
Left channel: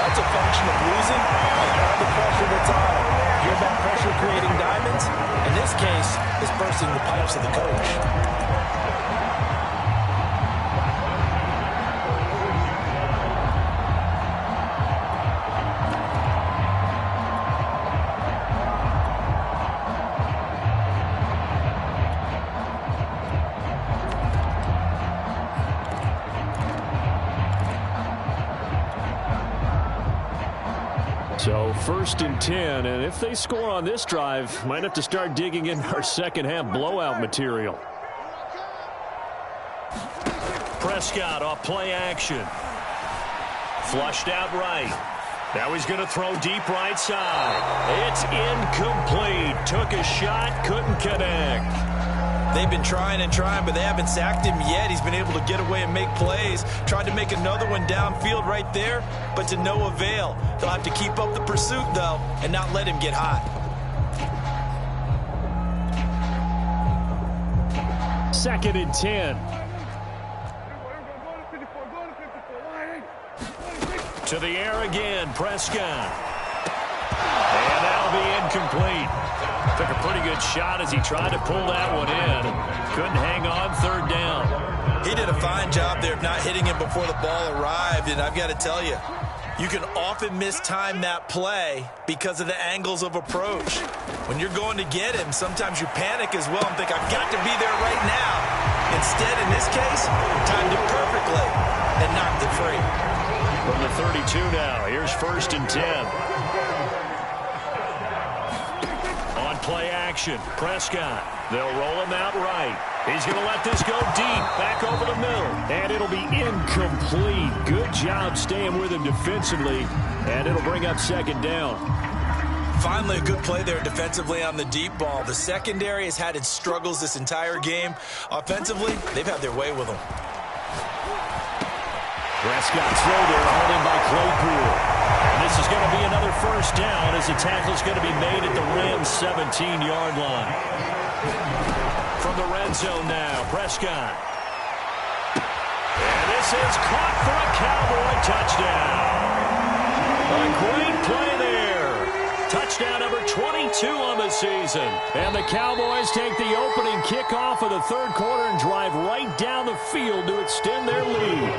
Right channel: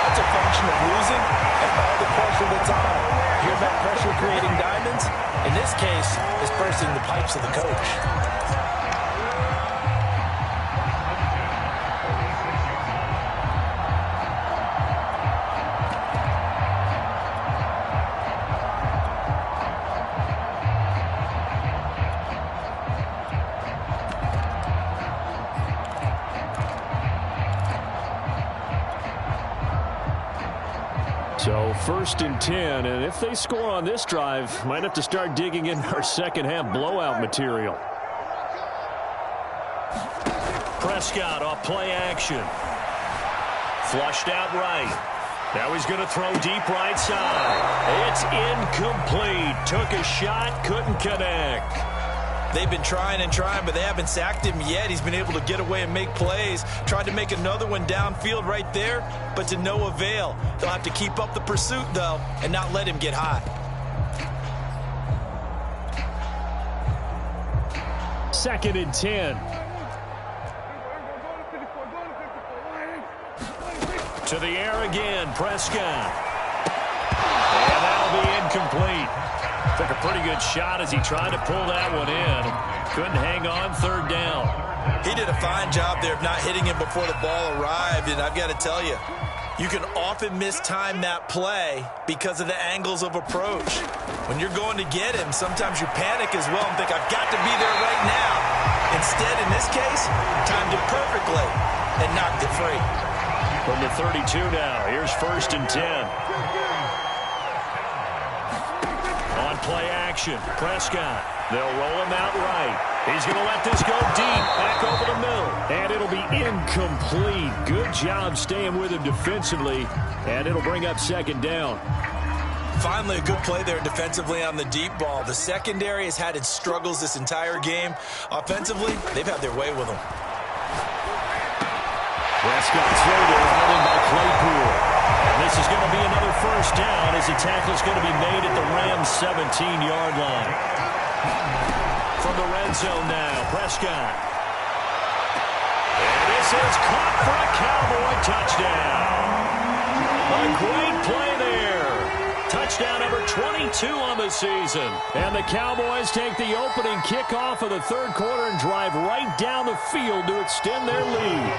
That's a function of losing and all the pressure that's on him. Hear about pressure creating diamonds? In this case, it's bursting the pipes of the coach. So 1st and 10, and if they score on this drive, might have to start digging in our second half blowout material. Prescott off play action. Flushed out right. Now he's going to throw deep right side. It's incomplete. Took a shot, couldn't connect. They've been trying and trying, but they haven't sacked him yet. He's been able to get away and make plays. Tried to make another one downfield right there, but to no avail. They'll have to keep up the pursuit, though, and not let him get hot. 2nd and 10. To the air again, Prescott. And that'll be incomplete. Took a pretty good shot as he tried to pull that one in. Couldn't hang on, 3rd down. He did a fine job there of not hitting him before the ball arrived, and I've got to tell you, you can often mistime that play because of the angles of approach. When you're going to get him, sometimes you panic as well and think, I've got to be there right now. Instead, in this case, timed it perfectly and knocked it free. From the 32 now, here's 1st and 10. On play action, Prescott. They'll roll him out right. He's going to let this go deep, back over the middle. And it'll be incomplete. Good job staying with him defensively, and it'll bring up 2nd down. Finally, a good play there defensively on the deep ball. The secondary has had its struggles this entire game. Offensively, they've had their way with them. Prescott's throw there, held in by Claypool. And this is going to be another 1st down as the tackle is going to be made at the Rams' 17-yard line. From the red zone now, Prescott. And this is caught for a Cowboy touchdown. A great play there. Touchdown number 22 on the season. And the Cowboys take the opening kickoff of the 3rd quarter and drive right down the field to extend their lead.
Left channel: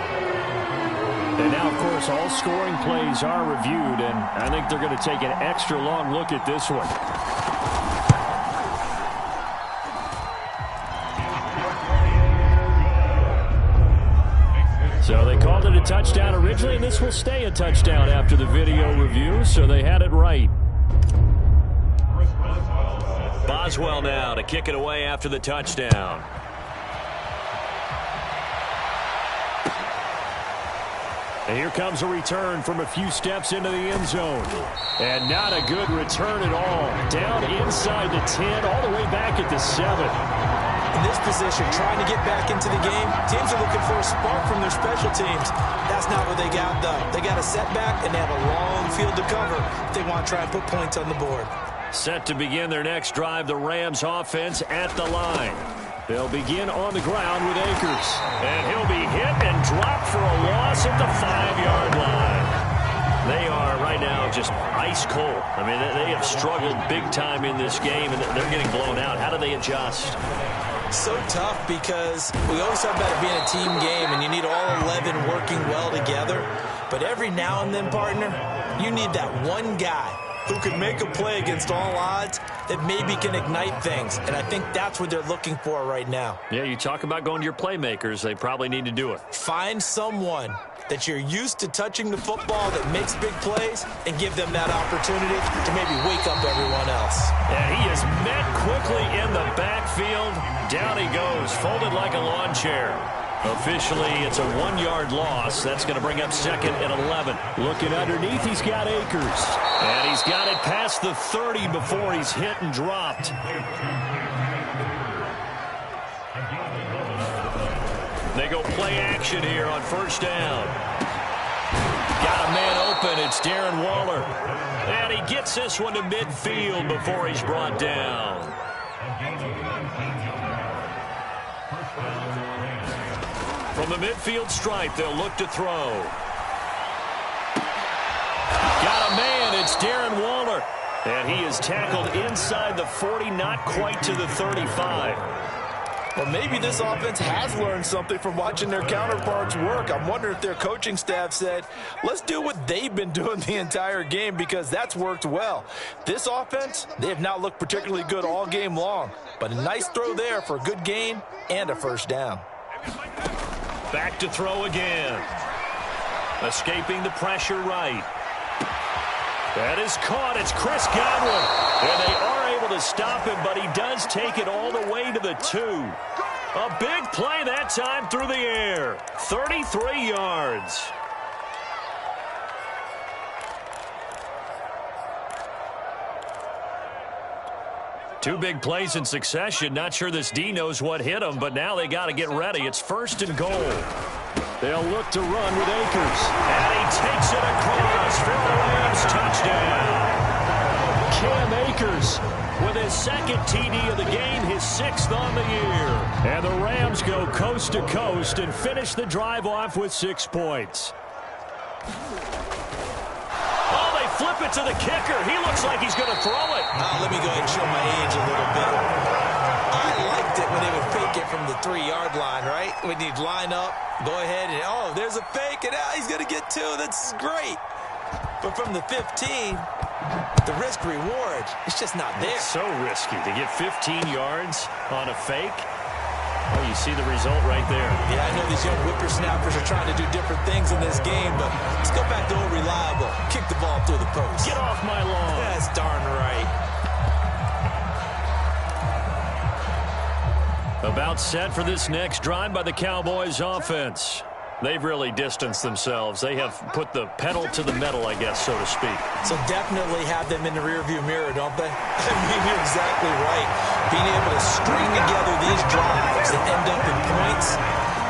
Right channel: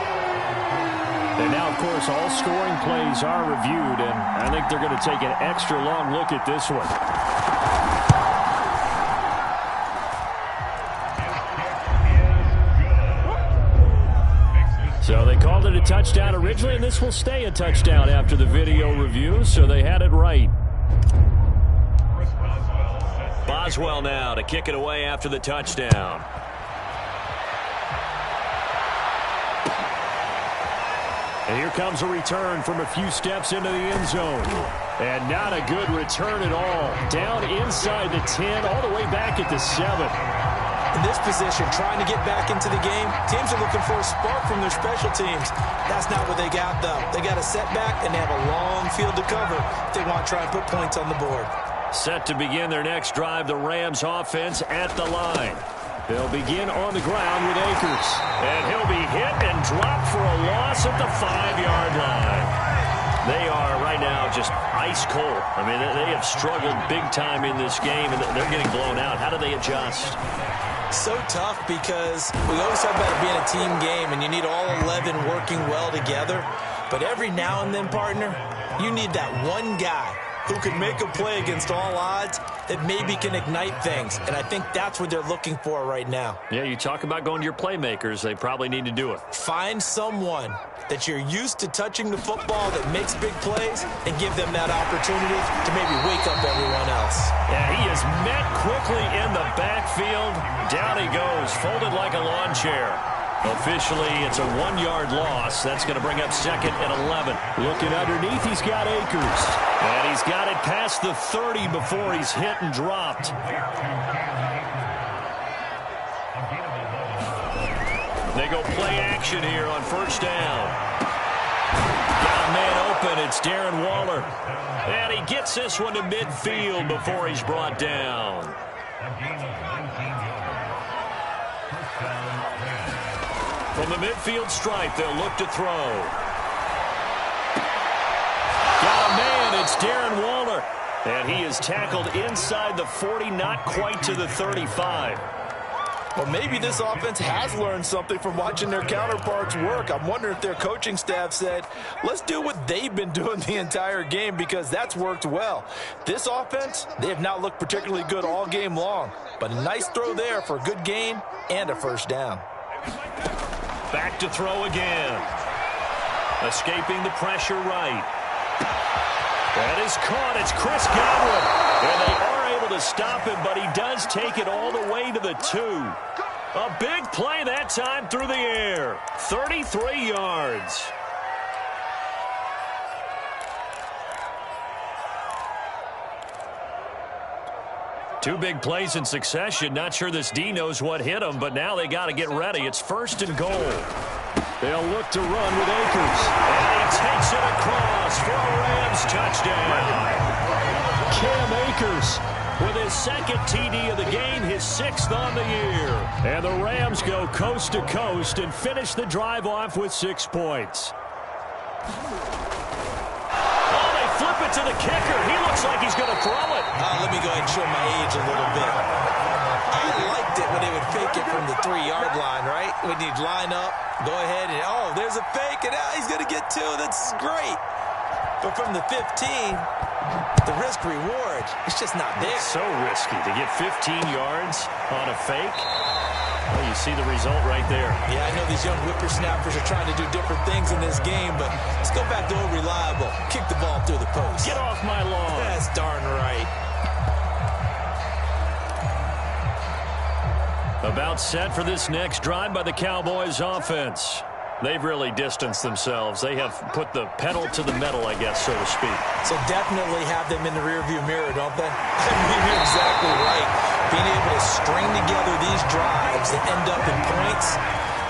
And now, of course, all scoring plays are reviewed, and I think they're going to take an extra long look at this one. So they called it a touchdown originally, and this will stay a touchdown after the video review, so they had it right. Boswell now to kick it away after the touchdown. And here comes a return from a few steps into the end zone. And not a good return at all. Down inside the 10, all the way back at the 7. In this position, trying to get back into the game, teams are looking for a spark from their special teams. That's not what they got, though. They got a setback, and they have a long field to cover if they want to try and put points on the board. Set to begin their next drive, the Rams offense at the line. They'll begin on the ground with Akers. And he'll be hit and dropped for a loss at the 5-yard line. They are right now just ice cold. I mean, they have struggled big time in this game, and they're getting blown out. How do they adjust? So tough because we always talk about it being a team game, and you need all 11 working well together. But every now and then, partner, you need that one guy who can make a play against all odds that maybe can ignite things. And I think that's what they're looking for right now. Yeah, you talk about going to your playmakers. They probably need to do it. Find someone that you're used to touching the football that makes big plays and give them that opportunity to maybe wake up everyone else. And he is met quickly in the backfield. Down he goes, folded like a lawn chair. Officially, it's a 1-yard loss. That's going to bring up 2nd and 11. Looking underneath, he's got Akers. And he's got it past the 30 before he's hit and dropped. They go play action here on 1st down. Got a man open. It's Darren Waller. And he gets this one to midfield before he's brought down. From the midfield stripe, they'll look to throw. Got a man. It's Darren Waller. And he is tackled inside the 40, not quite to the 35. Well, maybe this offense has learned something from watching their counterparts work. I'm wondering if their coaching staff said, let's do what they've been doing the entire game, because that's worked well. This offense, they have not looked particularly good all game long, but a nice throw there for a good gain and a 1st down. Back to throw again. Escaping the pressure right. That is caught. It's Chris Godwin. And they are able to stop him, but he does take it all the way to the 2. A big play that time through the air. 33 yards. Two big plays in succession. Not sure this D knows what hit him, but now they got to get ready. It's 1st and goal. They'll look to run with Akers. And he takes it across for a Rams touchdown. Cam Akers with his 2nd TD of the game, his 6th on the year. And the Rams go coast to coast and finish the drive off with 6 points. Oh, they flip it to the kicker. He looks like he's going to throw it. Let me go ahead and show my age a little bit. I liked it when they would fake it from the 3-yard line, right? When you'd line up, go ahead and, oh, there's a fake, and he's going to get 2. That's great. But from the 15, the risk-reward, it's just not there. It's so risky to get 15 yards on a fake. Well, you see the result right there. Yeah, I know these young whippersnappers are trying to do different things in this game, but let's go back to old reliable. Kick the ball through the post. Get off my lawn. That's darn right. About set for this next drive by the Cowboys offense. They've really distanced themselves. They have put the pedal to the metal, I guess, so to speak. So definitely have them in the rearview mirror, don't they? I mean, you're exactly right. Being able to string together these drives that end up in points,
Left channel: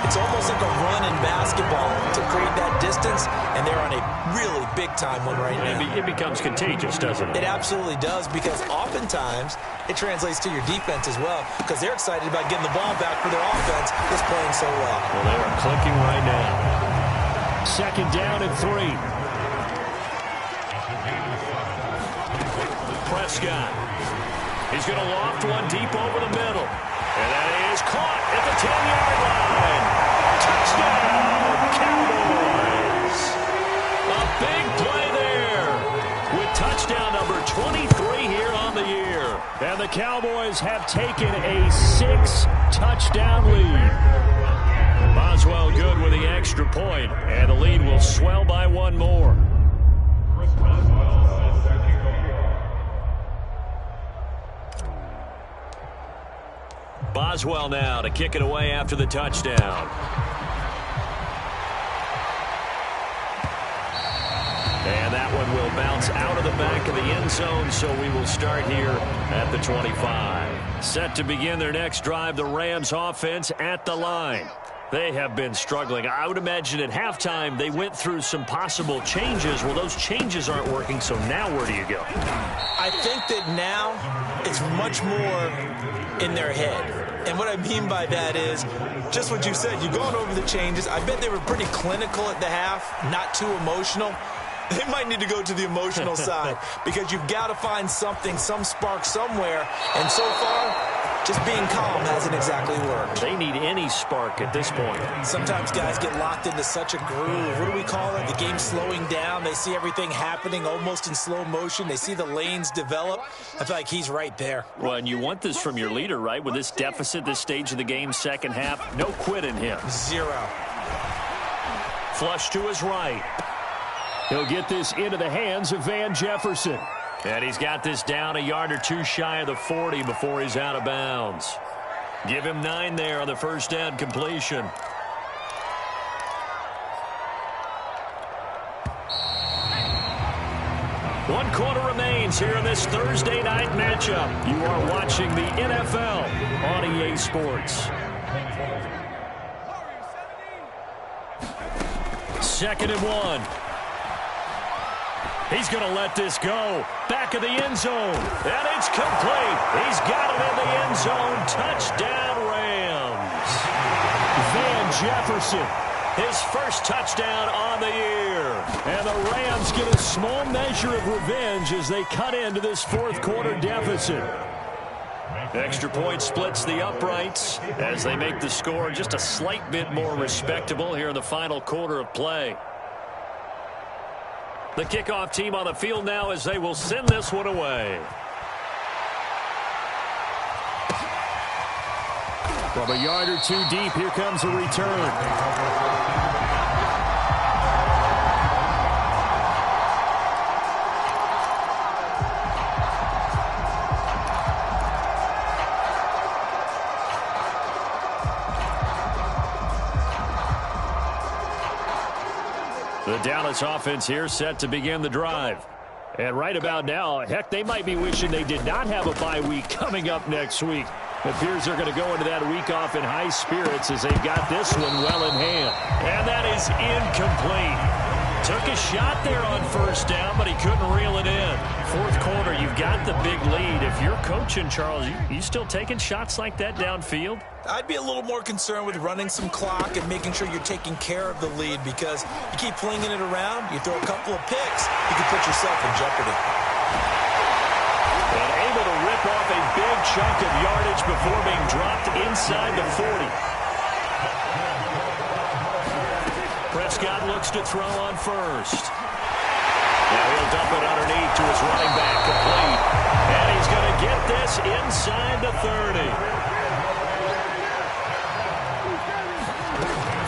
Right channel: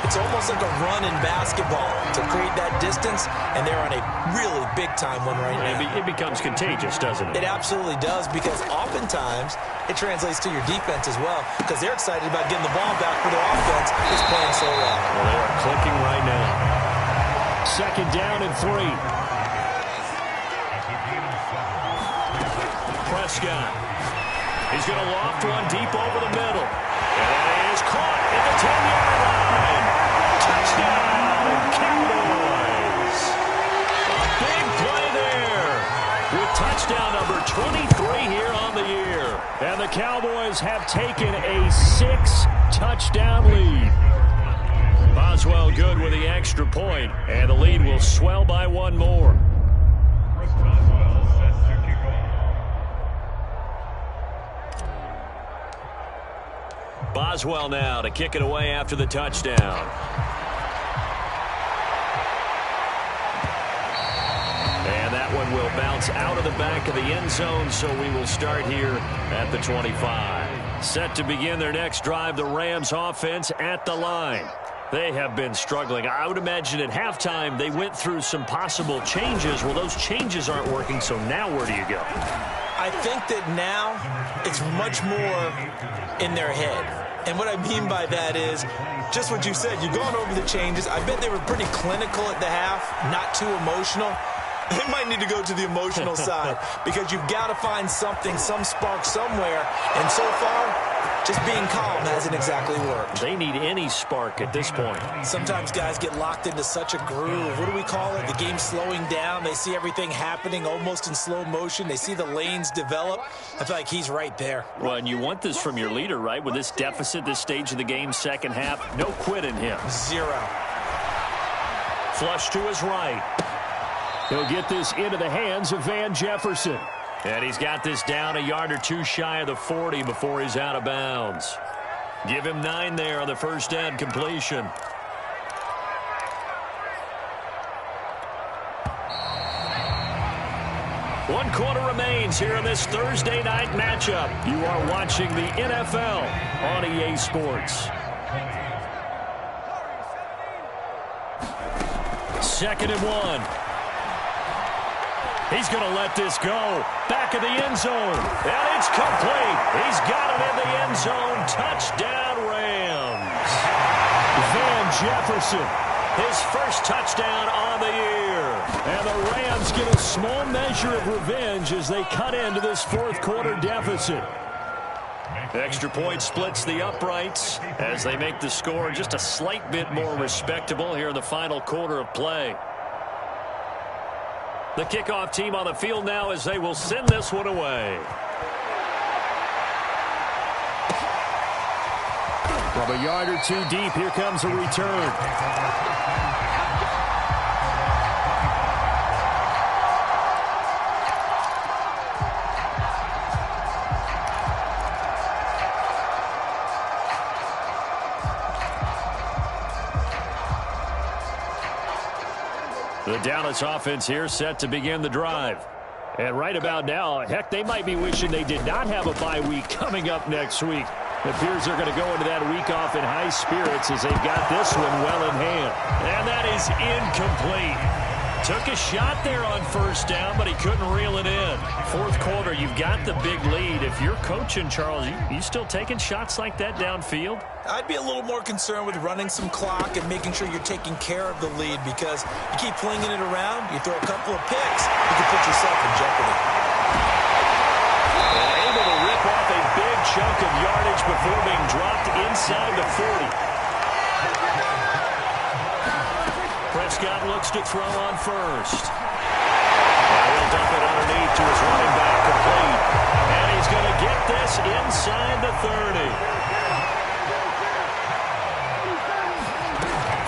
it's almost like a run in basketball to create that distance, and they're on a really big-time one right now. It becomes contagious, doesn't it? It absolutely does, because oftentimes it translates to your defense as well, because they're excited about getting the ball back for their offense that's playing so well. Well, they are clicking right now. 2nd down and 3. Prescott. He's going to loft one deep over the middle. And that is caught at the 10-yard line. Touchdown, Cowboys. A big play there with touchdown number 23 here on the year. And the Cowboys have taken a 6-touchdown lead. Boswell good with the extra point, and the lead will swell by 1 more. Boswell now to kick it away after the touchdown. And that one will bounce out of the back of the end zone, so we will start here at the 25. Set to begin their next drive, the Rams offense at the line. They have been struggling. I would imagine at halftime they went through some possible changes. Well, those changes aren't working, so now where do you go? I think that now it's much more in their head. And what I mean by that is just what you said. You've gone over the changes. I bet they were pretty clinical at the half, not too emotional. They might need to go to the emotional side, because you've got to find something, some spark somewhere. And so far, just being calm hasn't exactly worked. They need any spark at this point. Sometimes guys get locked into such a groove. What do we call it? The game's slowing down. They see everything happening almost in slow motion. They see the lanes develop. I feel like he's right there. Well, and you want this from your leader, right? With this deficit, this stage of the game, second half, no quit in him. 0. Flush to his right. He'll get this into the hands of Van Jefferson. And he's got this down a yard or two shy of the 40 before he's out of bounds. Give him 9 there on the first down completion. 1 quarter remains here in this Thursday night matchup. You are watching the NFL on EA Sports. 2nd and 1. He's going to let this go. Back of the end zone. And it's complete. He's got it in the end zone. Touchdown, Rams. Van Jefferson, his first touchdown on the year. And the Rams get a small measure of revenge as they cut into this 4th quarter deficit. Extra point splits the uprights as they make the score just a slight bit more respectable here in the final quarter of play. The kickoff team on the field now as they will send this one away. From a yard or two deep, here comes a return. The Dallas offense here set to begin the drive. And right about now, heck, they might be wishing they did not have a bye week coming up next week. It appears they're going to go into that week off in high spirits as they've got this one well in hand. And that is incomplete. Took a shot there on 1st down, but he couldn't reel it in. 4th quarter, you've got the big lead. If you're coaching, Charles, you still taking shots like that downfield? I'd be a little more concerned with running some clock and making sure you're taking care of the lead, because you keep flinging it around, you throw a couple of picks, you can put yourself in jeopardy. And able to rip off a big chunk of yardage before being dropped inside the 40. Prescott looks to throw on 1st. Now he'll dump it underneath to his running back, complete. And he's going to get this inside the 30.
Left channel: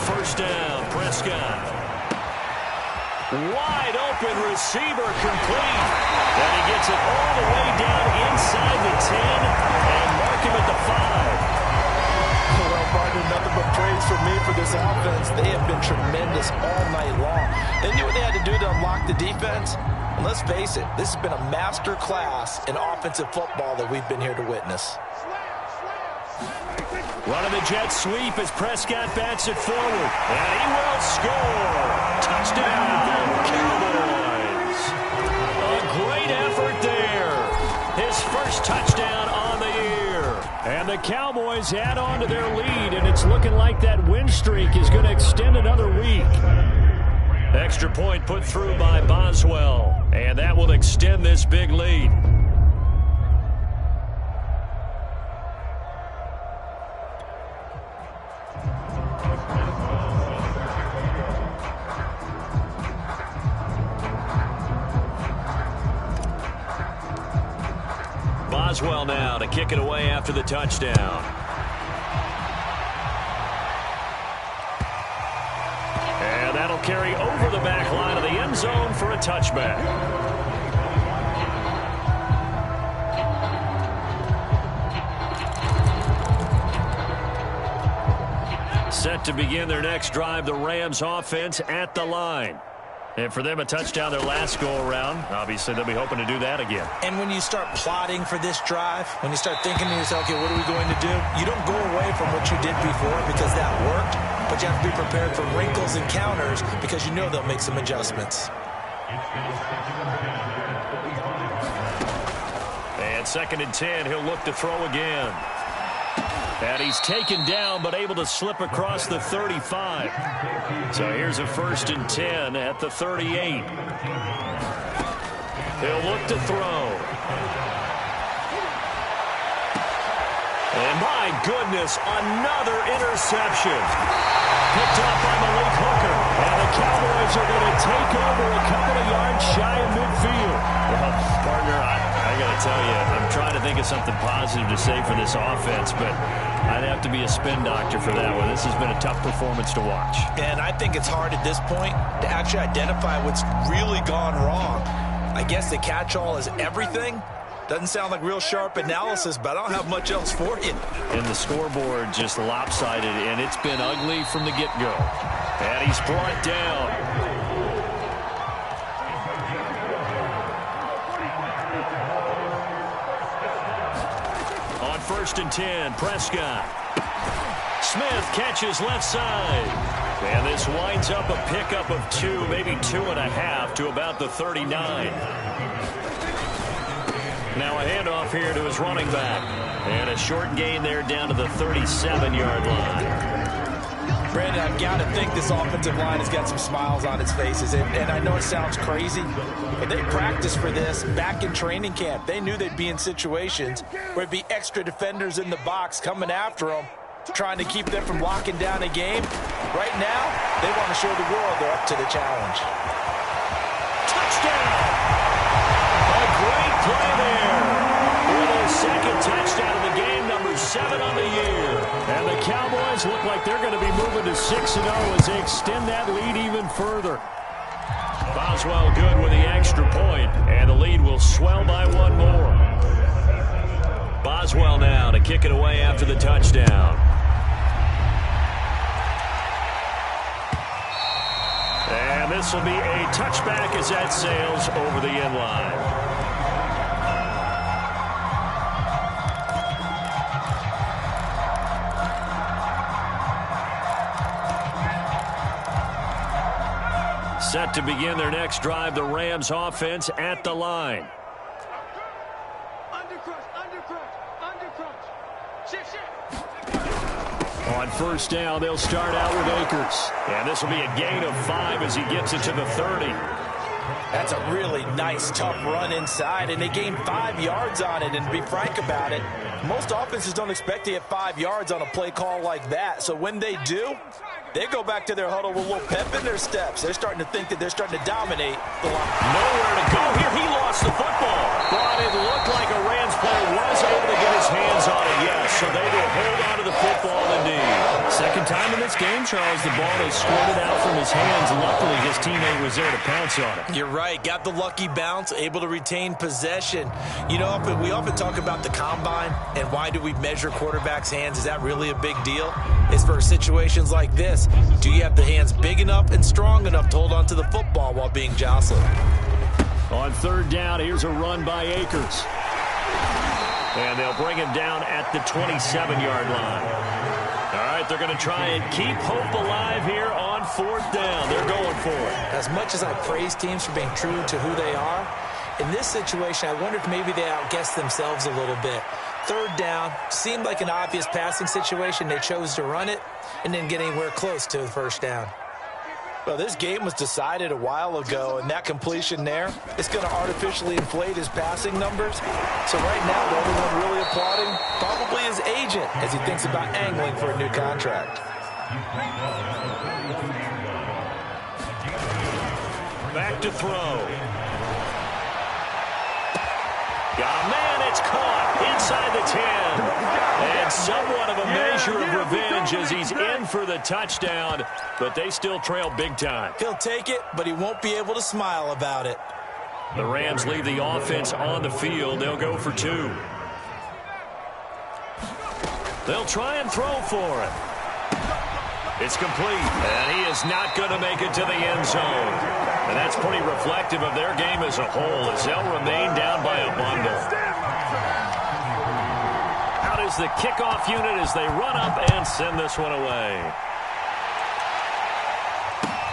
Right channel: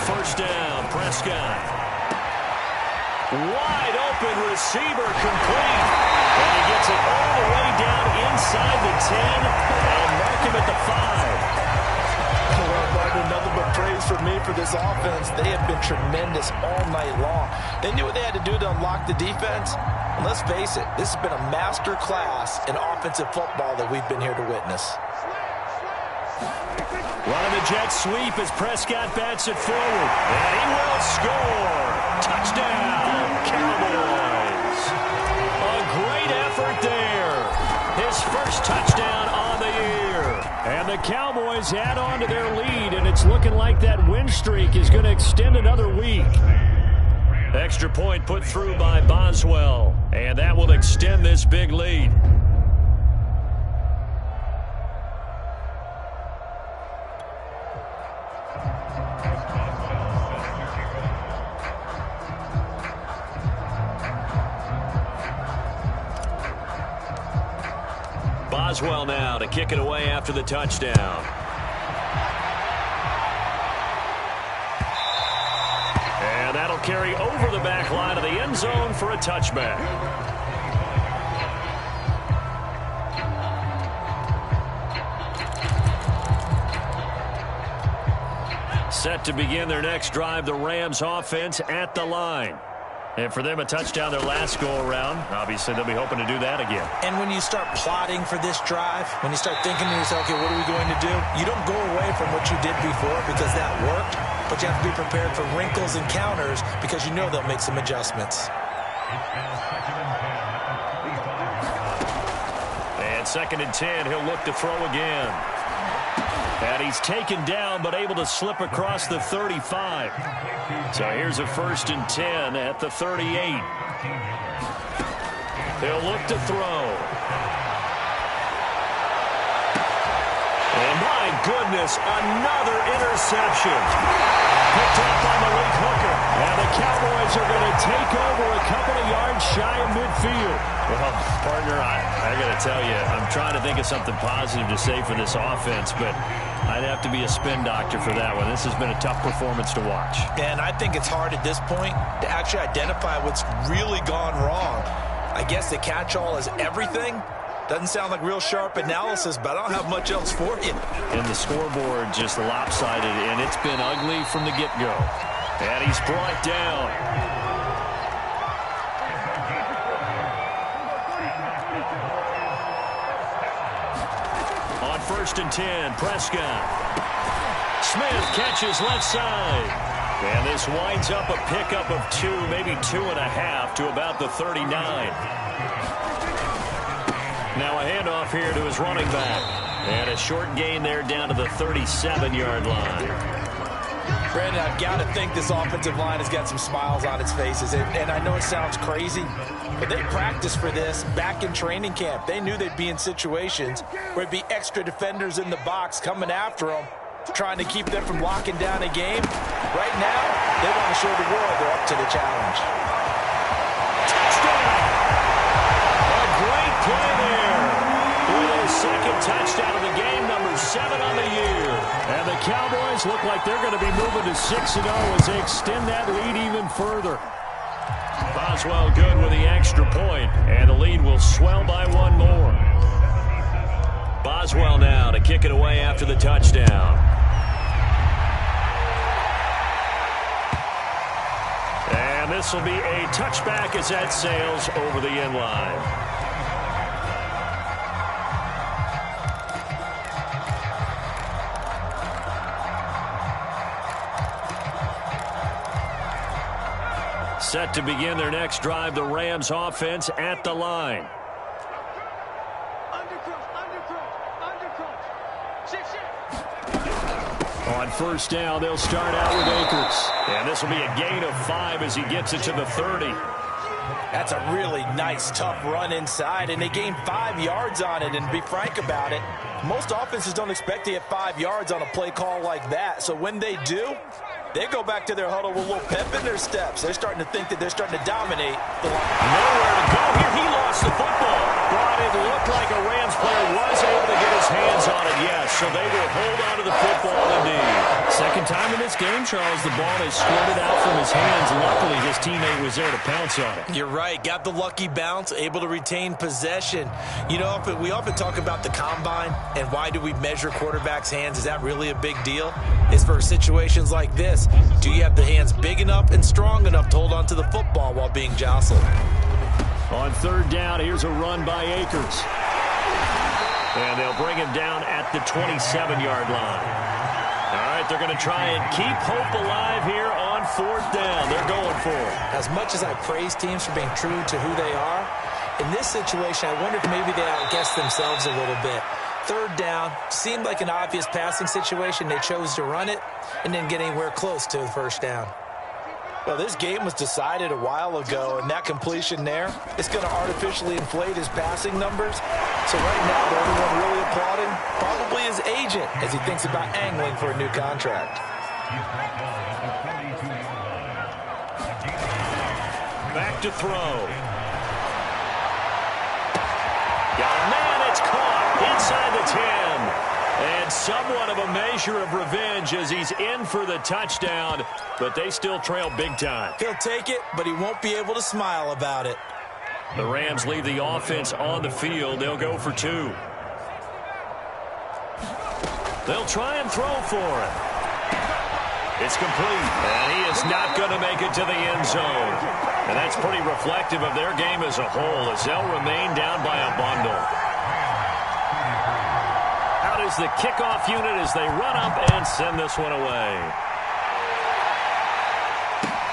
1st down, Prescott. Wide open receiver, complete. And he gets it all the way down inside the 10 and mark him at the 5. Well, partner, nothing but praise for me for this offense. They have been tremendous all night long. They knew what they had to do to unlock the defense. And let's face it, this has been a master class in offensive football that we've been here to witness. Running the jet sweep as Prescott bats it forward. And he will score. Touchdown, Cowboys. A great effort there. His first touchdown on the year. And the Cowboys add on to their lead, and it's looking like that win streak is going to extend another week. Extra point put through by Boswell, and that will extend this big lead. Boswell now to kick it away after the touchdown. And that'll carry over the back line of the end zone for a touchback. Set to begin their next drive, the Rams offense at the line. And for them, a touchdown their last go-around. Obviously, they'll be hoping to do that again. And when you start plotting for this drive, when you start thinking to yourself, okay, what are we going to do? You don't go away from what you did before because that worked, but you have to be prepared for wrinkles and counters because you know they'll make some adjustments. And 2nd and 10, he'll look to throw again. And he's taken down, but able to slip across the 35. So here's a 1st and 10 at the 38. He'll look to throw. And my goodness, another interception. Picked off by Malik Hooker. And the Cowboys are going to take over a couple of yards shy of midfield. Well, partner, I got to tell you, I'm trying to think of something positive to say for this offense, but I'd have to be a spin doctor for that one. This has been a tough performance to watch. And I think it's hard at this point to actually identify what's really gone wrong. I guess the catch-all is everything. Doesn't sound like real sharp analysis, but I don't have much else for you. And the scoreboard just lopsided, and it's been ugly from the get-go. And he's brought down. On 1st and 10, Prescott. Smith catches left side. And this winds up a pickup of 2, maybe 2.5 to about the 39. Now a handoff here to his running back. And a short gain there down to the 37-yard line. Brandon, I've got to think this offensive line has got some smiles on its faces. And I know it sounds crazy, but they practiced for this back in training camp. They knew they'd be in situations where it'd be extra defenders in the box coming after them, trying to keep them from locking down a game. Right now, they want to show the world they're up to the challenge. Touchdown! A great play there. With his second touchdown of the game, number 7 on the year. And the Cowboys look like they're going to be moving to 6-0 as they extend that lead even further. Boswell good with the extra point, and the lead will swell by 1 more. Boswell now to kick it away after the touchdown. And this will be a touchback as that sails over the end line. Set to begin their next drive, the Rams offense at the line. On 1st down, they'll start out with Akers. And this will be a gain of 5 as he gets it to the 30. That's a really nice, tough run inside, and they gained 5 yards on it. And to be frank about it, most offenses don't expect to get 5 yards on a play call like that. So when they do, they go back to their huddle with a little pep in their steps. They're starting to think that they're starting to dominate the line. Nowhere to go here. He lost the football. But it looked like a Rams player was able to get his hands on it, yes. So they will hold on to the football indeed. Second time in this game, Charles, the ball has squirted out from his hands. Luckily, his teammate was there to pounce on it. You're right. Got the lucky bounce, able to retain possession. You know, we often talk about the combine and why do we measure quarterbacks' hands. Is that really a big deal? It's for situations like this. Do you have the hands big enough and strong enough to hold on to the football while being jostled? On 3rd down, here's a run by Akers. And they'll bring him down at the 27-yard line. All right, they're going to try and keep hope alive here on 4th down. They're going for it. As much as I praise teams for being true to who they are, in this situation, I wonder if maybe they outguessed themselves a little bit. 3rd down, seemed like an obvious passing situation. They chose to run it and didn't get anywhere close to the 1st down. Well, this game was decided a while ago, and that completion there is going to artificially inflate his passing numbers. So right now, the only one really applauding probably his agent as he thinks about angling for a new contract. Back to throw. Got a man, it's caught inside the 10. And somewhat of a measure of revenge as he's in for the touchdown, but they still trail big time. He'll take it, but he won't be able to smile about it. The Rams leave the offense on the field. They'll go for 2. They'll try and throw for it. It's complete, and he is not going to make it to the end zone. And that's pretty reflective of their game as a whole as they'll remain down by a bundle. Out is the kickoff unit as they run up and send this one away.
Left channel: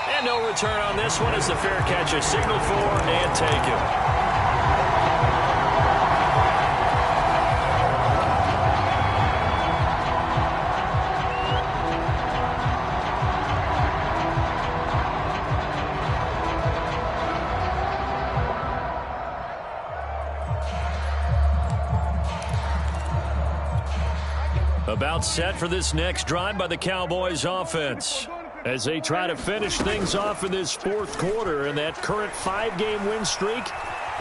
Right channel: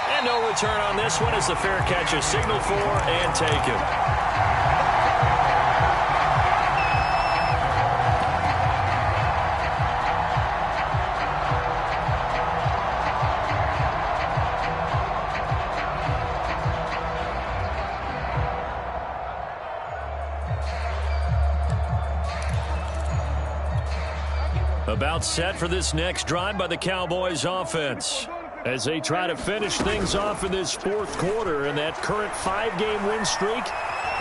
And no return on this one as the fair catch is signaled for and taken. About set for this next drive by the Cowboys offense as they try to finish things off in this 4th quarter, and that current 5-game win streak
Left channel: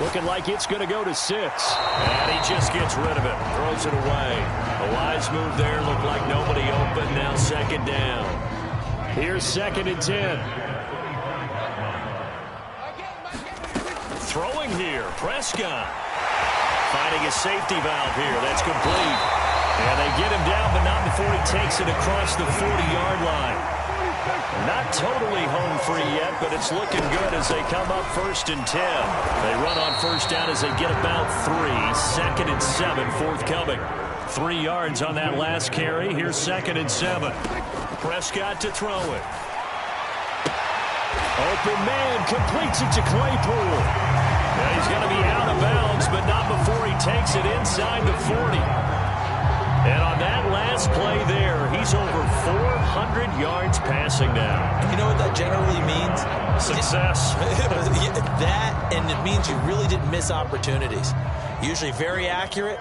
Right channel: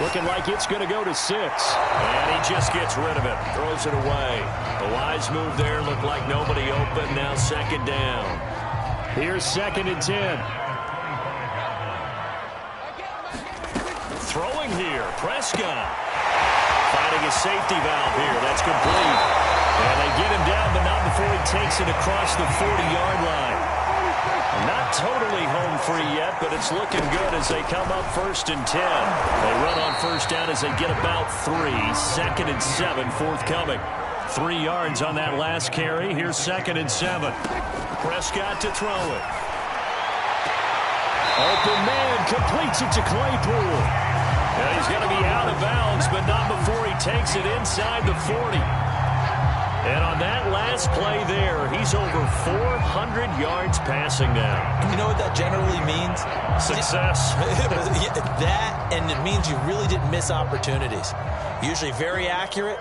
looking like it's going to go to 6. And he just gets rid of it, throws it away. A wise move there, looked like nobody open. Now 2nd down. Here's 2nd and 10. Throwing here, Prescott. Finding a safety valve here. That's complete. And they get him down, but not before he takes it across the 40-yard line. Not totally home free yet, but it's looking good as they come up 1st and 10. They run on 1st down as they get about 3. 2nd and 7, forthcoming. 3 yards on that last carry. Here's 2nd and 7. Prescott to throw it. Open man, completes it to Claypool. Now he's going to be out of bounds, but not before he takes it inside the 40. And on that last play there, he's over 400 yards passing now. And you know what that generally means? Success. That, and it means you really didn't miss opportunities. Usually very accurate.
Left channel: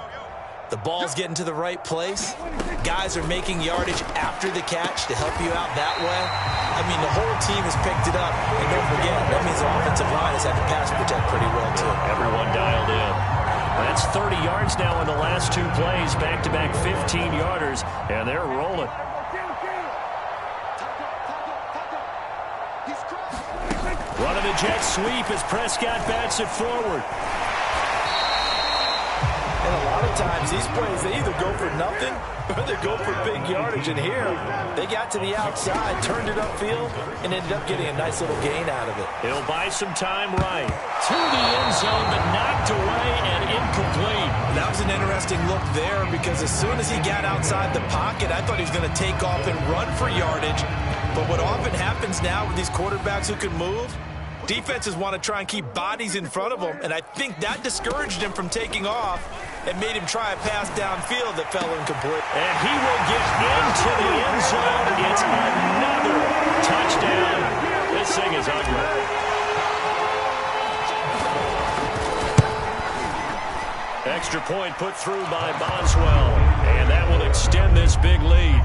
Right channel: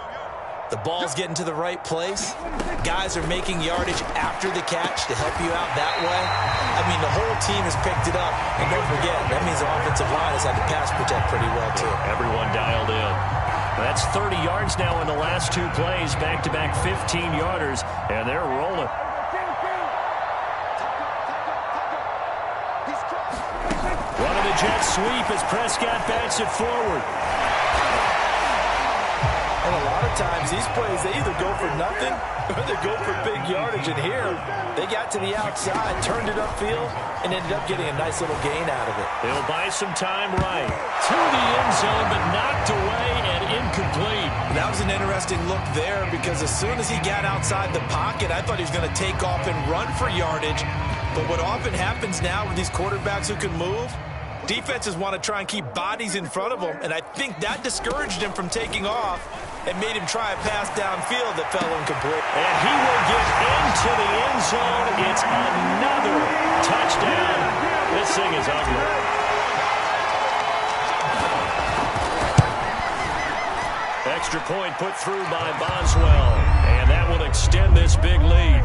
The ball's getting to the right place. Guys are making yardage after the catch to help you out that way. I mean, the whole team has picked it up. And don't forget, that means the offensive line has had to pass protect pretty well, too. Everyone dialed in. That's 30 yards now in the last 2 plays. Back-to-back 15-yarders, and they're rolling. Running the jet sweep as Prescott bats it forward. And a lot of times, these plays, they either go for nothing or they go for big yardage. And here, they got to the outside, turned it upfield, and ended up getting a nice little gain out of it. He'll buy some time right. To the end zone, but knocked away and incomplete. That was an interesting look there because as soon as he got outside the pocket, I thought he was going to take off and run for yardage. But what often happens now with these quarterbacks who can move, defenses want to try and keep bodies in front of them, and I think that discouraged him from taking off and made him try a pass downfield that fell incomplete. And he will get into the end zone. It's another touchdown. This thing is ugly. Extra point put through by Boswell, and that will extend this big lead.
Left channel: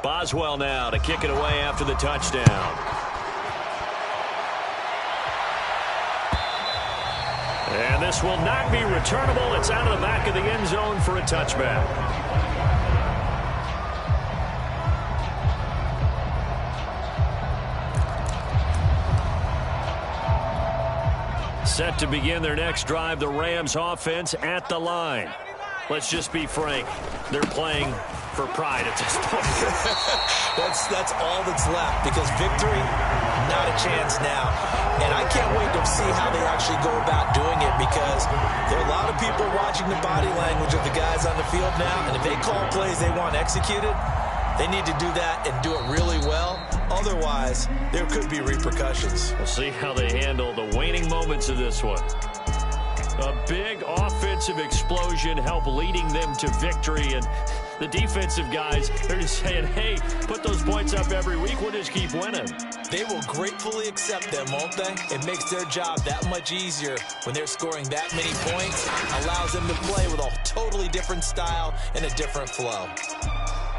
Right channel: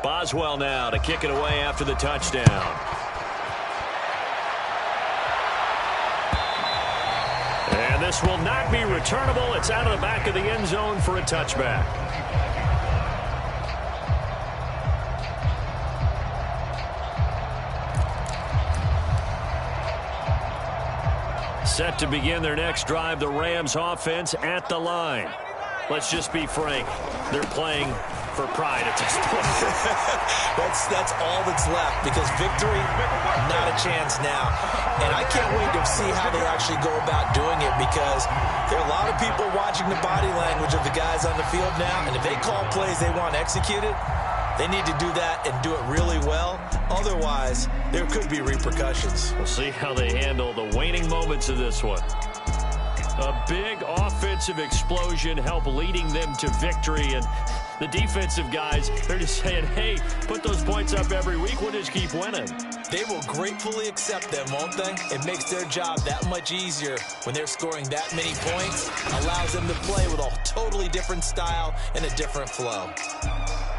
Boswell now to kick it away after the touchdown. And this will not be returnable. It's out of the back of the end zone for a touchback. Set to begin their next drive, the Rams offense at the line. Let's just be frank. They're playing for pride at this point. That's all that's left because victory, not a chance now. And I can't wait to see how they actually go about doing it because there are a lot of people watching the body language of the guys on the field now. And if they call plays they want executed, they need to do that and do it really well. Otherwise, there could be repercussions. We'll see how they handle the waning moments of this one. A big offensive explosion help leading them to victory. And the defensive guys, they're just saying, hey, put those points up every week. We'll just keep winning. They will gratefully accept them, won't they? It makes their job that much easier when they're scoring that many points. Allows them to play with a totally different style and a different flow.